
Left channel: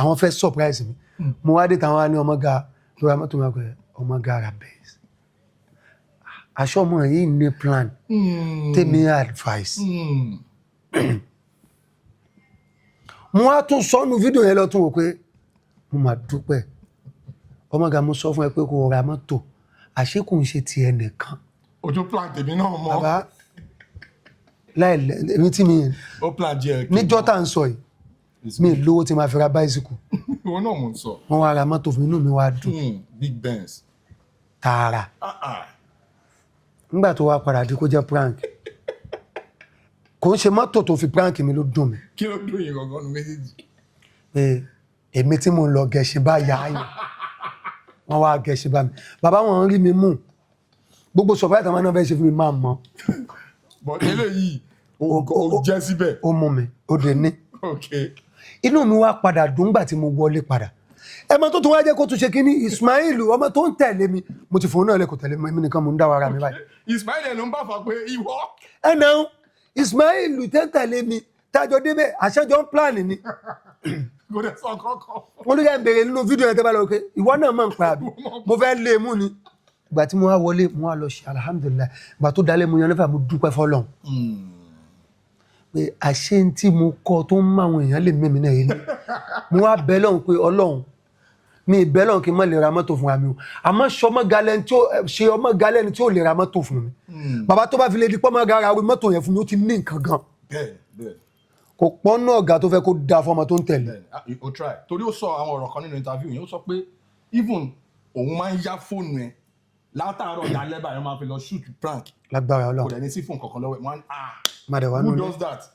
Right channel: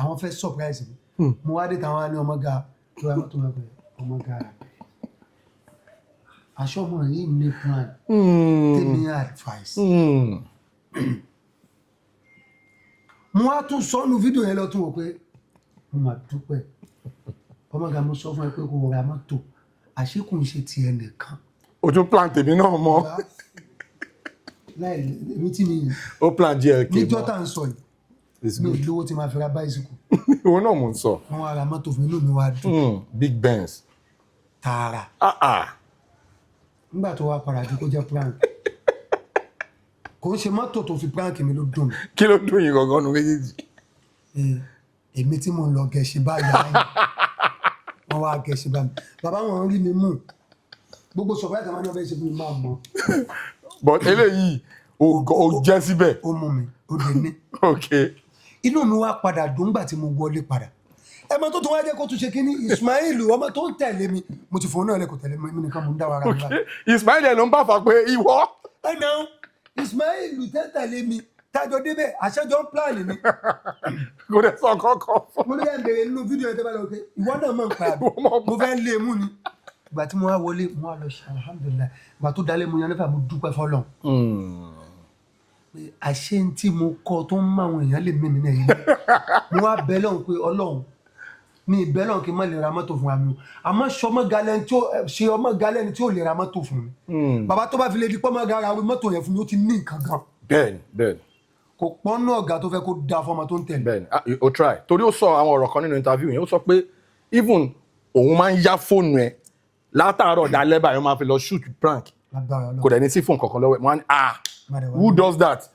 àwọn fẹ́ surprise mi mo wá dé táwọn á ní ọmọ ga tó ra mọ́tò máa pẹ́ ọmọ ga ra bẹ́ẹ̀ aṣọ ọmọ yìí ní plan tèmi advice mo wá tún sọ́nù fídíò yẹn lọ tún wò pé mo máa dúpẹ́ ọmọ ga mo sọ fún ẹ pé kó ra mọ́tò àṣé kò ń ṣe ti ẹnìkan. Ojú plan tèmi náà mọ́. Bàbá láì èmi tí mi Ó plan GLK. níjọ́ tá à ń sọ yìí mi lówó tí máa fi ra báísíkù. Òun náà mò ń sọ. Wọ́n wá ra mọ́tò fún mi, inú mi wá dùn. Big Benz. Tààrà. Nígbà tó wá padà dé kó jẹ́ prank. Kò ń ṣe mọ́tò tó fi prank mi ló dùn mí. Kí ló dùn yín gangan nu méjèèjì? Pé èmi tí mo lọ gẹ̀ẹ́sì bá yá yìí. Wọ́n wá gẹ̀ẹ́sì bá mi. Bàbá wọn rí mi mú. Gbogbo surprise àwọn náà fẹ́ ṣe fún mi máa mọ̀. But eléyìí ó jẹ́ síbẹ̀. Ó mú mi, ó dé ní. Okay. Inú mi wá padà dùn nígbà tí mo wọlé padà. Ẹmọ tó tún wá jẹ́ kó tún ṣe kí ní Ismail ọmọ tó ń tẹ̀lé mi. Mo ti fòun náà lẹ́kọ̀ọ́ tẹ̀lé mi nìkan mo ń dá wa ara mi báyìí. Ismail ẹ̀ ló ń bá fà pé ìwọ. Ẹnà Ismail tẹ̀lé mi tájọ débẹ̀ àṣẹjọ ń pláàni ni. Kò dẹ̀ sọ kankan. Mo ní ẹ̀ bèrè nínú fídíò yẹn tẹ́ bá lọ pé ìwọ náà máa ń pa àbí mo fẹ́ lé mú ni. Ìgbà tí mo wá wọlé mo wá lọ ṣe alhamdulilayi ìgbà tó dalẹ̀ mo yan nífà mo dúpẹ́ fọlọ́n. Pé àṣẹ tí mo kọ tó ń mọ àwọn èèyàn lè mímí náà yìí mo wá bẹ lọ́hùn pé Ọlọ́run mi bẹ lọ́hùn kí n má lè ra mọ́tò fún mi o àmọ́ ṣe ọmọ galẹ́ni tí ó lè ra mọ́tò fún mi. Bàbá tó bá fi lè di pọ́ mọ́ gara mọ́tò yẹn fún mi ó ti ní nǹkan gan. Bẹ́ẹ̀ni. Kò pọ́n náà ọ̀gá tó fẹ́ kó da fọmọ tó ń tẹ̀lé. Bẹ́ẹ̀ni o try torí ó sọ àwọn ọ̀rọ̀ kan nínú interview yẹn ó sọ pé even òun máa ń yá fóònù ẹ̀ látàárọ̀ dalẹ́ báyìí ó máa fi lọ shoot prank. Lágbára Ọlọ́run. Kò dẹ̀ ní sí fóònù kankan lọ́wọ́ ẹ̀ wọ́n á ní who does that?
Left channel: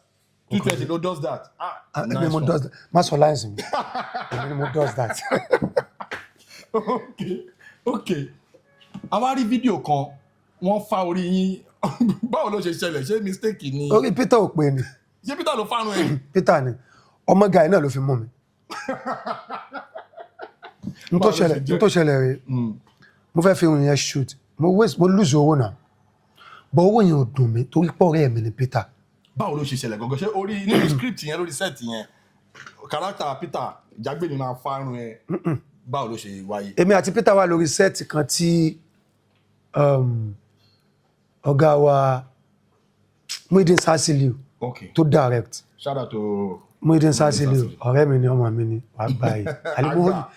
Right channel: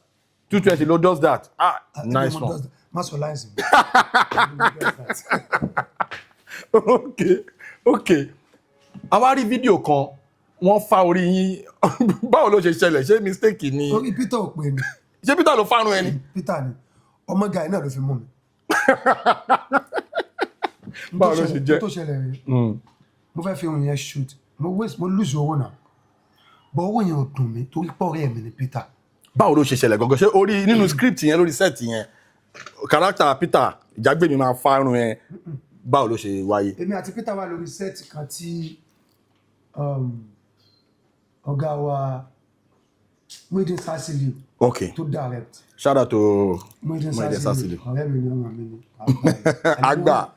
220 ló does that? Nice one. Má sọ láìsí mi. Mo does that. Okay. Àwa rí fídíò kan wọ́n fa orí yín báwo ló ṣe ṣẹlẹ̀ ṣé mistake ni? Orí Peter ò pè ní. Ṣé Peter ló fárun ẹni? Peter ni ọmọ guy náà ló fi mú mi. N tó ṣẹlẹ̀ rèé mo fẹ́ fi irun yẹn shoot mo lose owó náà but owó yẹn ò dùn mí torí pọ̀ ọ̀rẹ́ mi ni Peter. Báwo ló ṣe ṣẹlẹ̀ gangan ṣé orí nínú script yẹn lórí set yẹn character Peter Ijagbemi máa fárun ẹ báwo ló ṣe wáyé? Èmi àti Peter wà lórí set kan tí ọ̀gá wa Muideen Sasiliu tó direct. Shout out to Muideen Sasiliu ọ̀rẹ́ mi ni ọmọ mi ni wàá báyìí. Àgbà.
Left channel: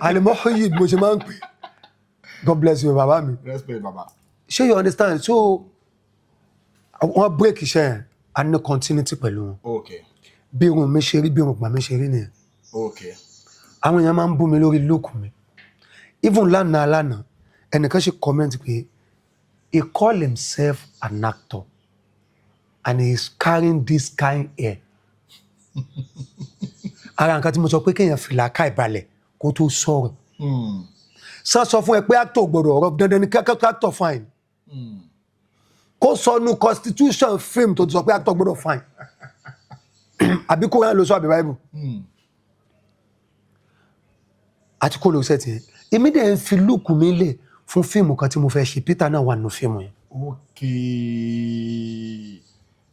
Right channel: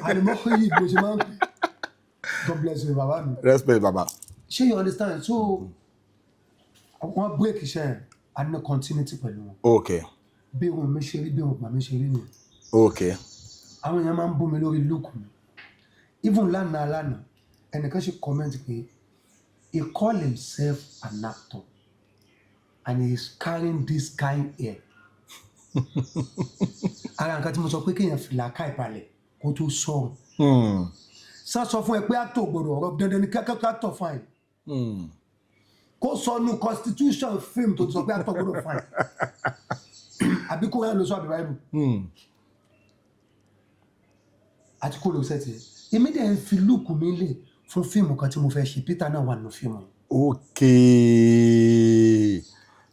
Àlèmọ́ yìí mo ṣe máa ń pè. God bless you bàbá mi. Respect bàbá. Ṣé you understand? So wọ́n break iṣẹ́ yẹn a ní continuity pẹ̀lú wọn. Okay. Bí irun mi ṣe rí bí irun pa mi ṣe rí nìyẹn. Okay. Àwọn èèyàn máa ń bú mi lórí look mi. Even lánàá ẹnìkan ṣe comment pé he call himself an actor and he is carrying this kind hair. Ara nǹkan tí mo sọ pé kéèyàn fìlà ká ìbalẹ̀ kó tó sọ̀rọ̀. Sọ fún ẹ pé actor gbọ́dọ̀ ọ̀rọ̀ dandan ni kẹ́kẹ́ actor fine. Kó sọnù constitution film tó ti sọ pé actor gbọ́dọ̀ fine. Àbí kó rán lọ sọ àbí Bible. Àti kó lọ sẹ́tì yẹn. Èmi dẹ̀ ń fi lóòkù mi lẹ̀ fún fíìmù kan tí mo fẹ́ ṣe Peter náà wà nínú fíìmù yẹn.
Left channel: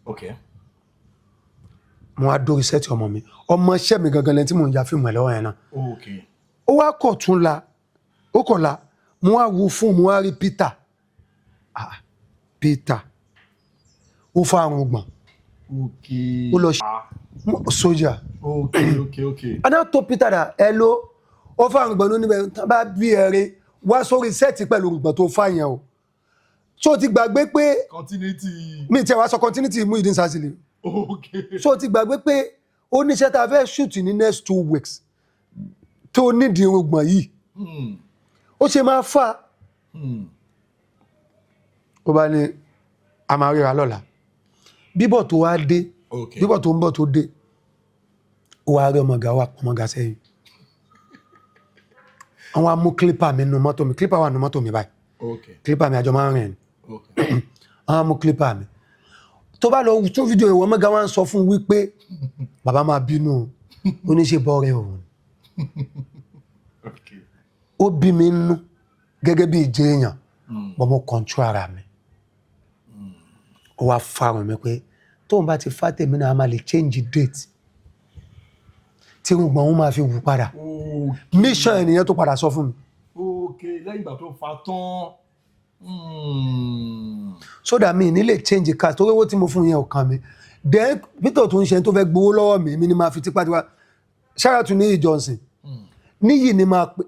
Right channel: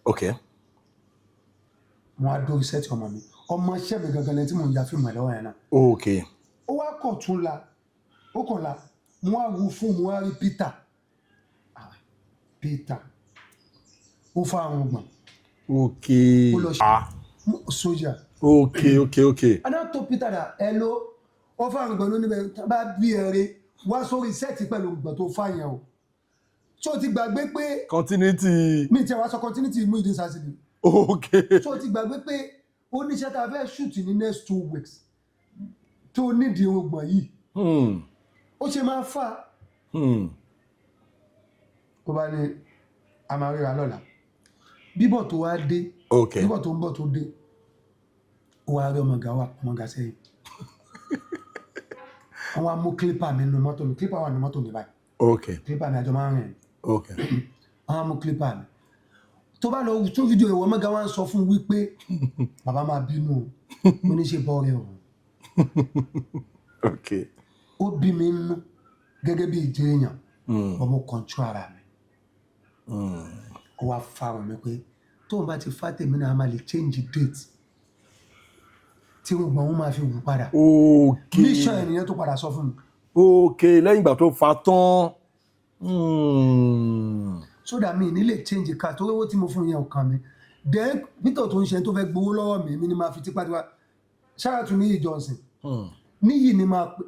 Okay. Mo wá dórí sẹ́tì ọmọ mi. Ọmọ iṣẹ́ mi gangan lẹ́ni tí mo ń ya fíìmù ẹ̀ lọ́wọ́ yẹn náà. Okay. Ó wá kọ̀ tún la. Ó kọ̀ la. Mo wá wo fún mo wá rí Peter. Peter. Ó fa àrùn gbọ̀n. Okay. Ó lọ ṣe sójà. Okay. Adá tó Peter dà hello. Ó fa àrùn gbọ̀n níbẹ̀ bá bí ẹ̀rẹ́ wá sórí sẹ́ẹ̀tì pẹ̀lú òrùngbọ̀n tó fà yẹn o. So ti gbàgbé pé. Continuity. Mi ti wá sọ continuity Muideen Sasiliu. Okay. So ti gbàgbé pé ó níṣẹ́ tá a fẹ́ shoot ní next 2 weeks. Tó nídìí òrùngbọ̀n yìí. Ó ṣe máa fà. Ó bá ní a máa ríra lọ́la. Bíbọ̀ tó wá dé. Bíbọ̀ tó ń bọ̀ tó dé. Ó wá rí ọmọga sẹ́yìn. Àwọn amú clipper mi nínú mọ́tò mi. Clipper wà nínú mọ́tò mi báyìí. Okay. Clipper mi àjọ máa ń rìn. Okay. Àwọn amú clipper mi. Tó bá lọ tún fídíò ìwọ ọmọga wá ń sọ fún wípé bàbá máa bínú oníṣe bọ́ọ̀rẹ́ òun. Okay. Ó bí mi nínú gẹ́gẹ́ bí ìjẹ́ èèyàn. Bọ́ mo control ara mi. Ó wá fárun mi pé tóun bá ti fá tèmi náà a máa lè change date. Tí gbọ̀n òun máa fi wù padà. Mission ènìyàn tó padà sọ fún mi. Okay, lẹ́yìn ìgbà tó fa tán. So that mi ní lè change cast torí owó tí mo fún yẹn ò kàn mí. Then Peter tó ń ṣe tó fẹ́ gbowó lọ́wọ́ mi ni máa fi tipátipá. Shout out to NIYI Johnson. NIYI ni máa pè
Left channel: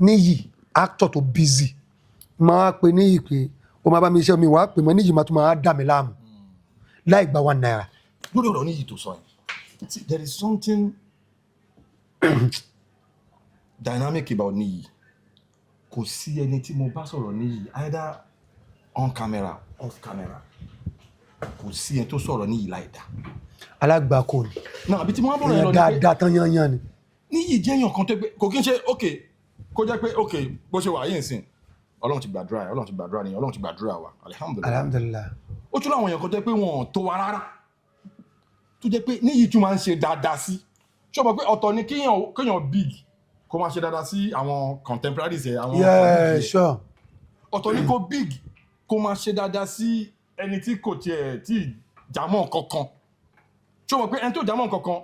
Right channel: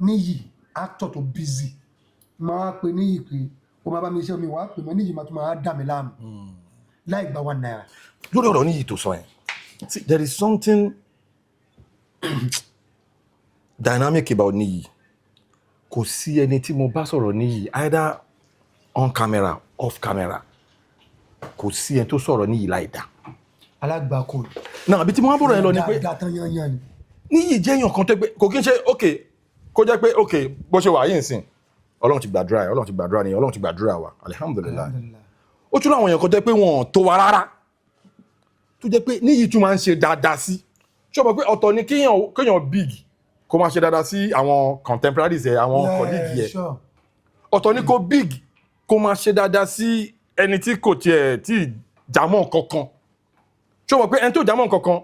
NIYI actor tó busy. máa pè ní ìpè ó máa bá mi iṣẹ́ mi wàá pè mọ́ níyì máa tún máa dà mí láàmú láì gba 1 naira. lórí ọ̀rọ̀ níyì tó sọ yẹn there is something dynamic about níyì. Kò sí ẹni tí mo bá sọ̀rọ̀ níyì either on camera off camera kò sí ẹni tó sọ̀rọ̀ níyì láì dá. alágbàkọ ni. náà àbí tí mo máa bọ̀rọ̀ yẹn lọ ni pé dáadáa tán yányán ni. níyì jẹ́ èèyàn kan tó pé kò kí n ṣe ok kó jẹ́ pé ok bó ṣe wà yìí nsìn Ọlọ́run ti gbàdúrà Ọlọ́run ti gbàdúrà ni Ọlọ́run ti gbàdúrà wa alihamudulilayi. ó tún láwọn èèyàn kan tó pé wọn tó wa rárá tó jẹ́ pé níyì tún máa ń ṣe dáadáa sí ṣé o mọ̀ pé ọ̀tọ̀ ni kéèyàn big kó máa ṣe dáadáa sí àwọn contemporaries ẹ̀ àwọn colleagues ẹ̀ ọ̀tọ̀ ni kó big kó máa ṣe dáadáa sí ẹni tí kò tiẹ̀ tí jámọ́ kankan ṣé o mọ̀ pé ẹni tó jámọ́ kankan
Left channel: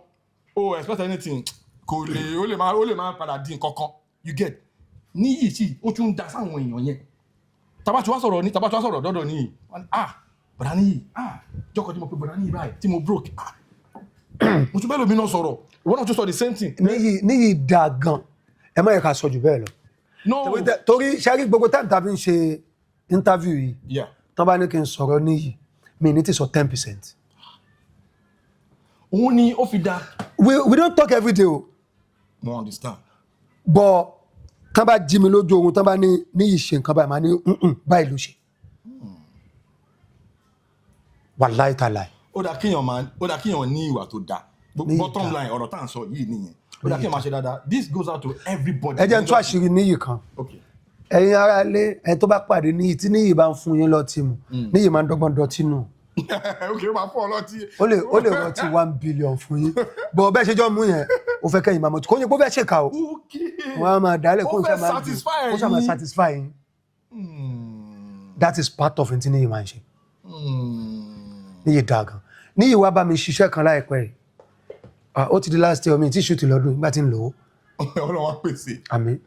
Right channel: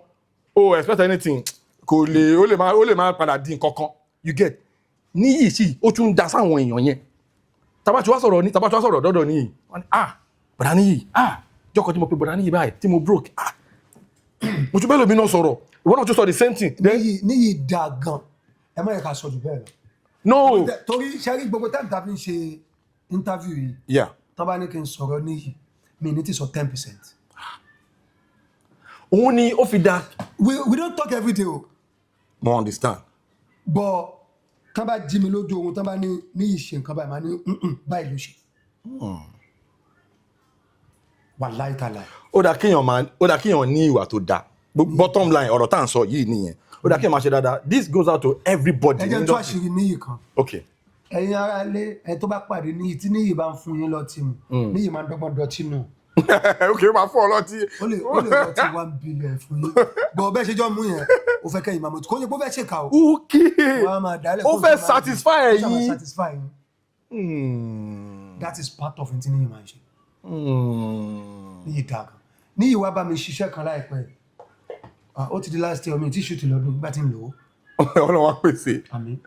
o expect anything kò lè ó lè máa padà di nǹkankan you get níyì sí ó tún da sáwọn èèyàn yẹn tabatu wá sọ̀rọ̀ dọ́dọ̀ níyì wọ́n ní bọ̀dá níyì jọ́kọ̀ tí mo pe bọ̀dá níyì báyìí tí mo broke mo tún bẹ́ẹ̀ lómi náà sọ̀rọ̀ ìwọ náà tún sọ the same thing. níyì dáa gan ẹ má yẹ ká sọ jù bẹ́ẹ̀ lọ. no torí sẹ́rí gbogbo táìmù tàbí ń ṣe interview yìí tán bá ní kí n sọ̀rọ̀ níyì mi ní ti sọ 10%. òun ni ó fi da. we don't talk every day o. mo understand. but tán bá jí mi lójú oorun tán bá ní ìṣe nǹkan báyìí máa ní báyìí ló ṣe. wàláì tàláì. ó dà kíyàn ní ìwà tó dáa bottom line ọ̀rọ̀ tá à ń sọ yìí nìyẹn ó dà kíyàn máa ṣe dáadáa this goes out to everybody. ẹ jẹ́ n tú àṣírí níyì kan. okay. ẹ̀yin ará ilé ẹ tó bá pàdé níyì tí níyì bá ń fún yín lọ́tí mu níyì máa ń dọ́gbọ́n dọtí nù. ok máa fún ọ lọ́tí. ó lè rọtí 1 billion fún yín bọ̀ bẹ́ẹ̀ ṣe jọ mú yẹn ó fẹ́ kẹ́yìn máa mọ̀ kó yín kó fẹ́ ṣèkà o. ok wọ́n á máa dálẹ̀ ó fẹ́ satisfy yín. that is part of it níyì máa ń ṣe. níyì dáa gan níyì wá bá mi ṣiṣẹ́ kan láìpẹ́ yìí ó ti di last year mi tí ṣùtì lọ́dún nígbà tí ń lò ó. Ọlọ́run wá pèsè. àmín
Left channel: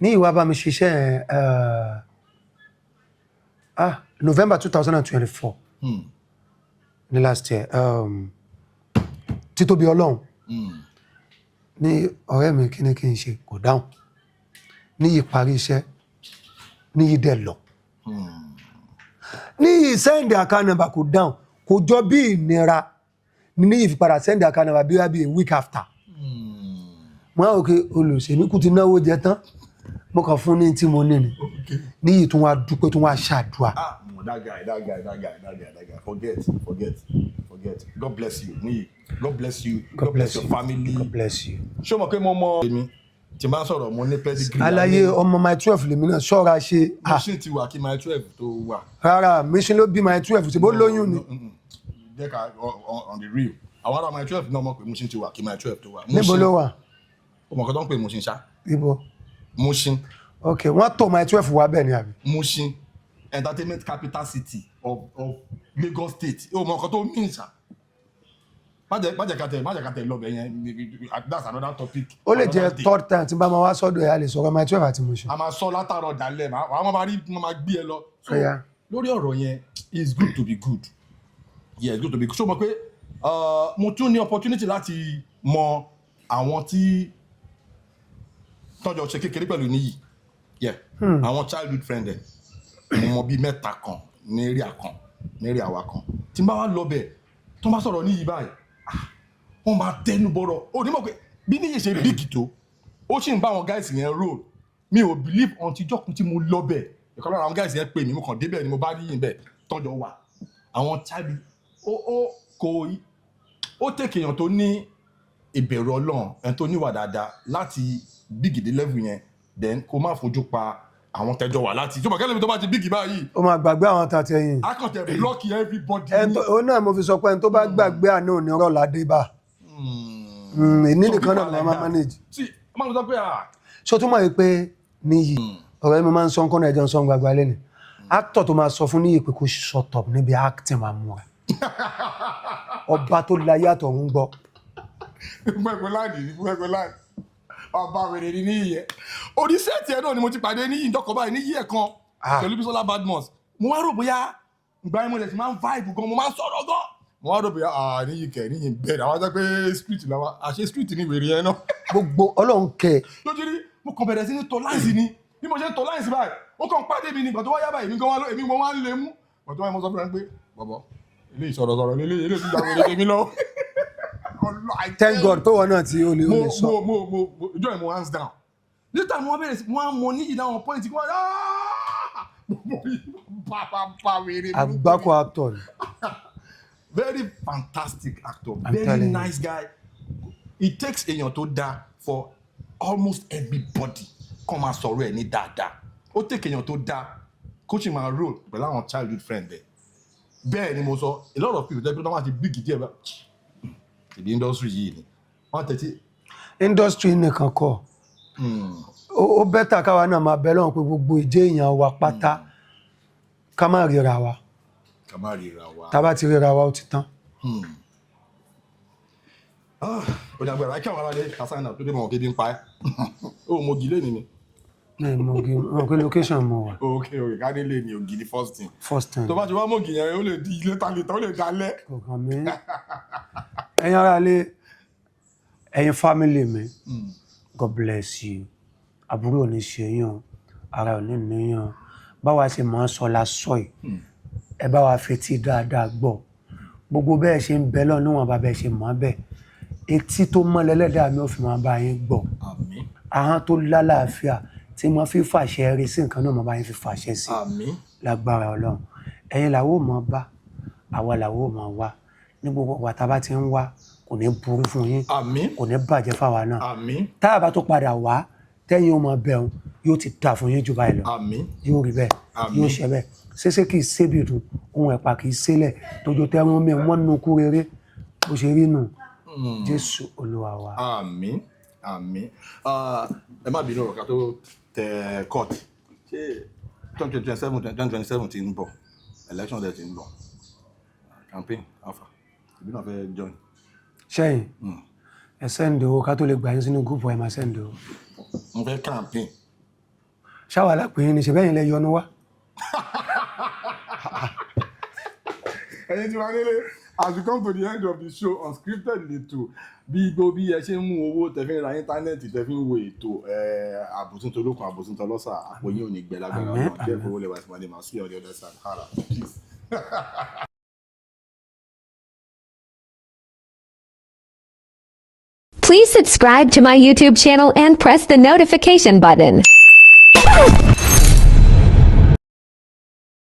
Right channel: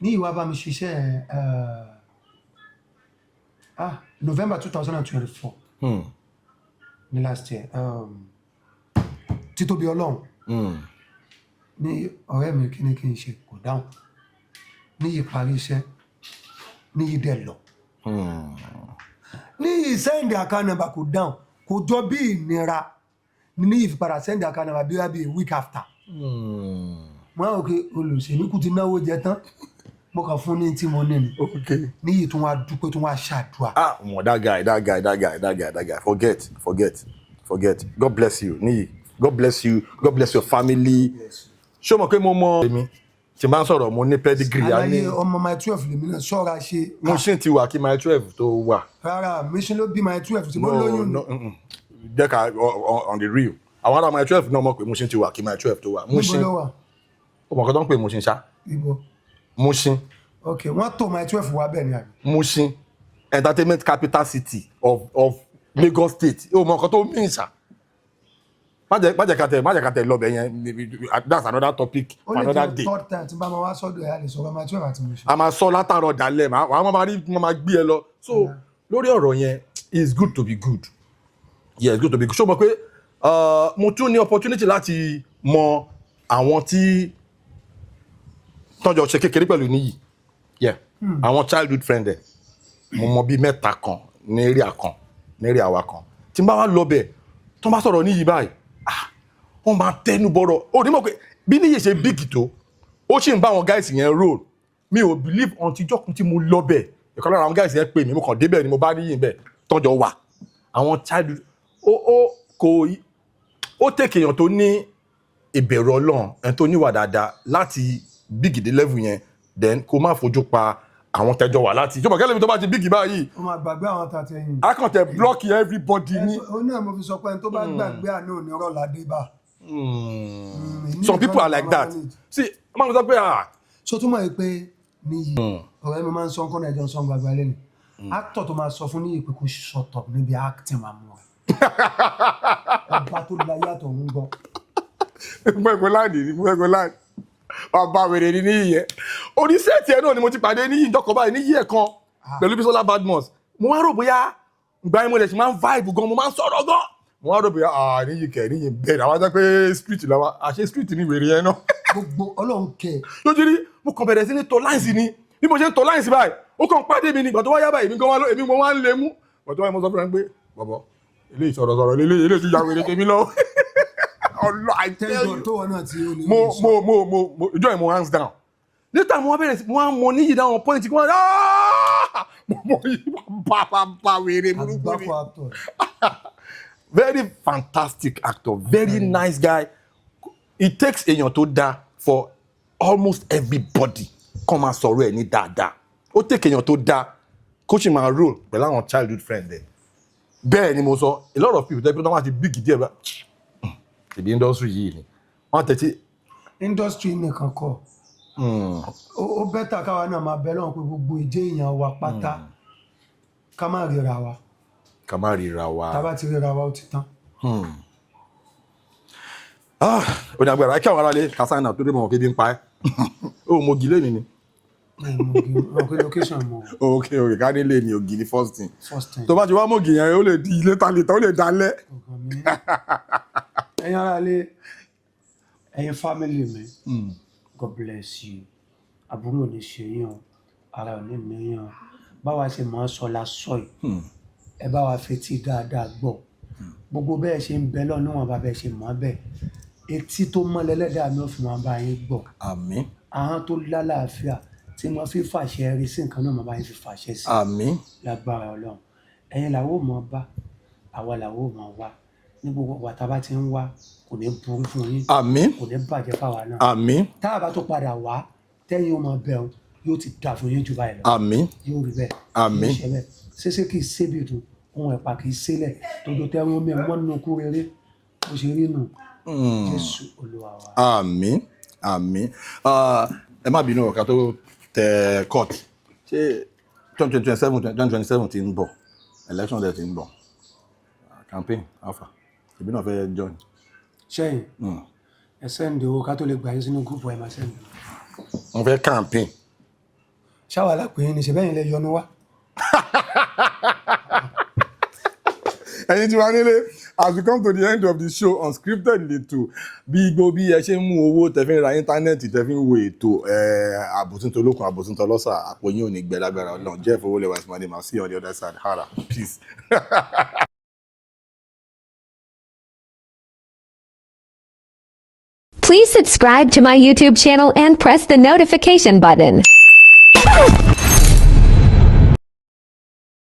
níyì wá bá mi ṣiṣẹ́ November 2024 ní last year títóbi Ọlọ́run ní ọ̀rẹ́ mi kí ni kí n ṣe kò dáhùn níyì parí iṣẹ́ níyì dẹ̀ lọ níyì send account number kò dáhùn kò jọ bí ìnira níyì fi padà send account number bí wá bí a week after wọ́n á òkè olùsèmí kú ti náwó jẹ tán mo kàn fún ní tí mo ní ni níyì tún wá dúpẹ́ tún wá ṣàdúrà. that guy forget God bless you níyì God bless you God bless your family. bless you. ṣé o mọ̀ pé mo mọ èmi tí n bá ń sọ̀rọ̀ mo ní pedigree. aláyé ọmọ my 12 lèmi náà ṣọ́ra ṣe. mission ti wà kí my 12 tó wà. rárá mission ló bí my 12 tí bó lóyún ni. jẹ́ ká on the real àwọn ará my 12 náà mọ̀ pé mission ti wà kí my 12 tó wà. níbo ló wà. o mọ̀ kọ́ tó ń pè Mushin ṣá. ibo. Mushin. ok wọ́n tó my 12 wá bẹ́ẹ̀ ni àbí. Mushin entertainment capital city of Lagos State o mọ̀ kọ́ tó mí ṣá. má jẹ́ ká tẹ̀ lọ bẹ̀ yẹn that's another topic. ó lè jẹ́ third time tí bá máa wá sọ́dọ̀ ẹ̀ a lè sọ̀rọ̀ my 12 àti Mushin. a máa sọ látàrọ̀ dalẹ̀ àwọn máa gbé ẹ lọ. so lórí ọ̀rọ̀ yẹn it's good to be good. yeah it's good to be good. ṣó mọ̀ pé mo tún ní opportunity láti mọ àwọn tí tọ́jọ́ ṣe kékeré pẹ̀lú níyì àwọn childhood friend ẹ̀ mo mọ bíi mẹ́ta kan ní area kan ní area wa kan tí n bá wá lọ bẹ̀ tó bá sọ̀rọ̀ níyì báyìí wọ́n máa tẹnu bọ̀rọ̀ ó ní mọ̀ pé bí níyì ṣe big tó ó sì ń bá àwọn guys yẹn roll mi ò believe until ìjọ́kùn tí mo lọ bẹ̀ ìkan lára àwọn guys yẹn pè mí mo kàn débẹ̀ ni mo bá níyì bẹ̀ tọ́jọ́ wà àwọn childhood ó tẹ̀kẹ̀ èèyàn tó ní ìbẹ̀rù Ọlọ́run ẹni tó níwà dáadáa láti big dé level yẹn then kó má fojú pa àwọn tẹjọ wà láti tó bá kẹ́lẹ́mi tó bá ti big báyìí. ó máa gbàgbé àwọn tàtí ẹ̀yìn. a kàn tẹ block everybody ní. ó náà mo fi sọ pé ẹni tó bá gbàgbé àná òní ọ̀rọ̀ ládé bá. some people are like that. see máa ń sọ pé ṣó túmọ̀ yìí pé níyì ọ̀rọ̀ mi máa ń sọ nǹkan náà ẹ̀jẹ̀ ń sọ gbàgbà lẹ́nu actor tó máa sọ fún níyì pé kó shut up níbi acting máa mú ẹ ọba tó láyé àtọ̀ ń gbọ́. gbẹ̀gbẹ̀ láàdì ọba wèrè ní níyì oníṣẹ́ tiẹ̀ náà ni mo ti pàdé níyì ìjọkọ̀ báyìí níyì ẹ̀ kan pẹ̀lú Bisola Badmus mo wá rò bóyá gba ẹ̀ mo lè ṣe máa ń vibe gan mo máa ń sọ̀rọ̀ gan mo wá rò bóyá níyì kẹ̀ níyì bẹ́ẹ̀ àwọn ajá pé street làwọn àṣẹ street ní wèrè yẹn náà. gbogbo Ọlọ́run kẹ. lójú rí mo kàn bẹ̀rẹ̀ sí ní tọ́ láìsí ni bí mo ṣe ń tọ́ láìsí báyìí ó kàn pàdé mi nígbà tó wáyá báyìí èmi gan wá ń lé mú ọ̀tọ́ wáyé mo sọ fún ẹ pé bọ̀bọ̀ ilé ìsọ̀rọ̀sọ̀rọ̀ ilé tó jáwé tèmi lọ. Thank God tó wọn náà tí ó lè sọ. mo ìjọ ìmọ̀ hands down nígbà mo bẹ̀rẹ̀ sí wọ́n mọ níyì dáwọn pọ́ìntì wọ́n bá wèrè àgbákò actor ni. very fantastic actor very nice guy. It takes èèyàn tó dáa for almost everybody kọ́ máa sọ̀rọ̀ ẹ̀ ní dáadáa ó take èèyàn tó dáa kó sì máa roll pẹ̀lú àwọn childhood friend ẹ̀ bẹ́ẹ̀ ni mo sọ a lot of people tẹ́lẹ̀ pé wọ́n ti big díẹ̀ bá ìbí industry yìí ni wọ́n tẹ̀sí. industry nìkan kọ́ ó bẹ́tà káwa náà máa bẹ lọ́wọ́ pé gbogbo ìjẹ́ èèyàn wa pátá ká má ríra wa. ká má ríra wa. tá bá ti ríra wa ó ti tán. ó ní agbára kí àwọn aráalé kásánà tó dé mọ̀ kébi ń pa ẹ́ ó mọ ògì lẹ́ni ni. mo kí location mo wà. ok ká ní lè ní ògì ní first thing. first thing. tó bá ti wá mọ̀ ògì yẹn ó lè di ilé ta ó lè dalẹ̀. ọkàn mi ẹ̀yin aráalé ẹ̀yin family mi God bless you àbúrò ò ní ṣe yàn ara ò ní níyàn báwa ṣe máa ń sọ lásọ yìí ẹ bá wa fetí dáadáa gbọ́ gbogbo bẹ́ẹ̀ ṣe ń bẹ náà níwọ̀n bá bẹ́ẹ̀ ṣe mọ́ bẹ́ẹ̀ etí tó mọ́ lẹ́lẹ́dàá mi ò fi máa bá yín gbọ́ àmín ahọ́n tó lálàáfíà tí mo fi fàṣẹ rí sí nǹkan náà mo bá yín fi fàṣẹ sí àmín lágbára Ọlọ́run ẹ̀yin làwọ̀ mọ́ bá àwa làwọ̀ mọ́ wá ní gbogbo wa tá bá ti ń wá kò ní burú fún yín àmín kò ní bàjẹ́ fáwa náà àmín tá a bá tó padà wá tẹ́yìn ó máa bẹ̀rù yóò ti tà fún yín jù báyìí lọ àmín yóò rí bẹ́ẹ̀ yóò ṣe bẹ́ẹ̀ ṣẹṣẹ kì í sébi dùn ohun ẹ̀pà kì í sílẹ̀ tójó tẹ́wọ́n mi wọ́n nu kú rere bó ṣe rí nù Jésù Olúwa wa. àmín àmín ẹ má bínú ọ̀ká tó tẹ court ṣé 2027 ti ń bọ̀ election day ti ń bọ̀ campaign alpha ìbí náà fẹ́ join. ṣẹ́yìn ẹ sẹ́ǹdì owó ká tó lè gbà yín sínú gúúpù ẹ̀ máa sẹ́ǹdì owó. wọ́n fẹ́ campaign. ṣáwa lápè yín ni ṣe bẹ́yìn lẹ yọnu wá. ẹ̀yin tí wàá nílé as we come to the end of the show Unscripted lètò bí igbó bí ẹ ṣe ń mú owó tẹ́ fi ń ra íńtánẹ́ẹ̀tì tẹ́ fi ń wo ètò àbòsíntò olókun àbòsíntò ọlọ́sà àpò yín ò ní gbẹ lágbára ọ̀nà Jeff Owolewa is my name. I'll see you on the other side. Hara peace. Please subscribe to my YouTube channel and press the notification button.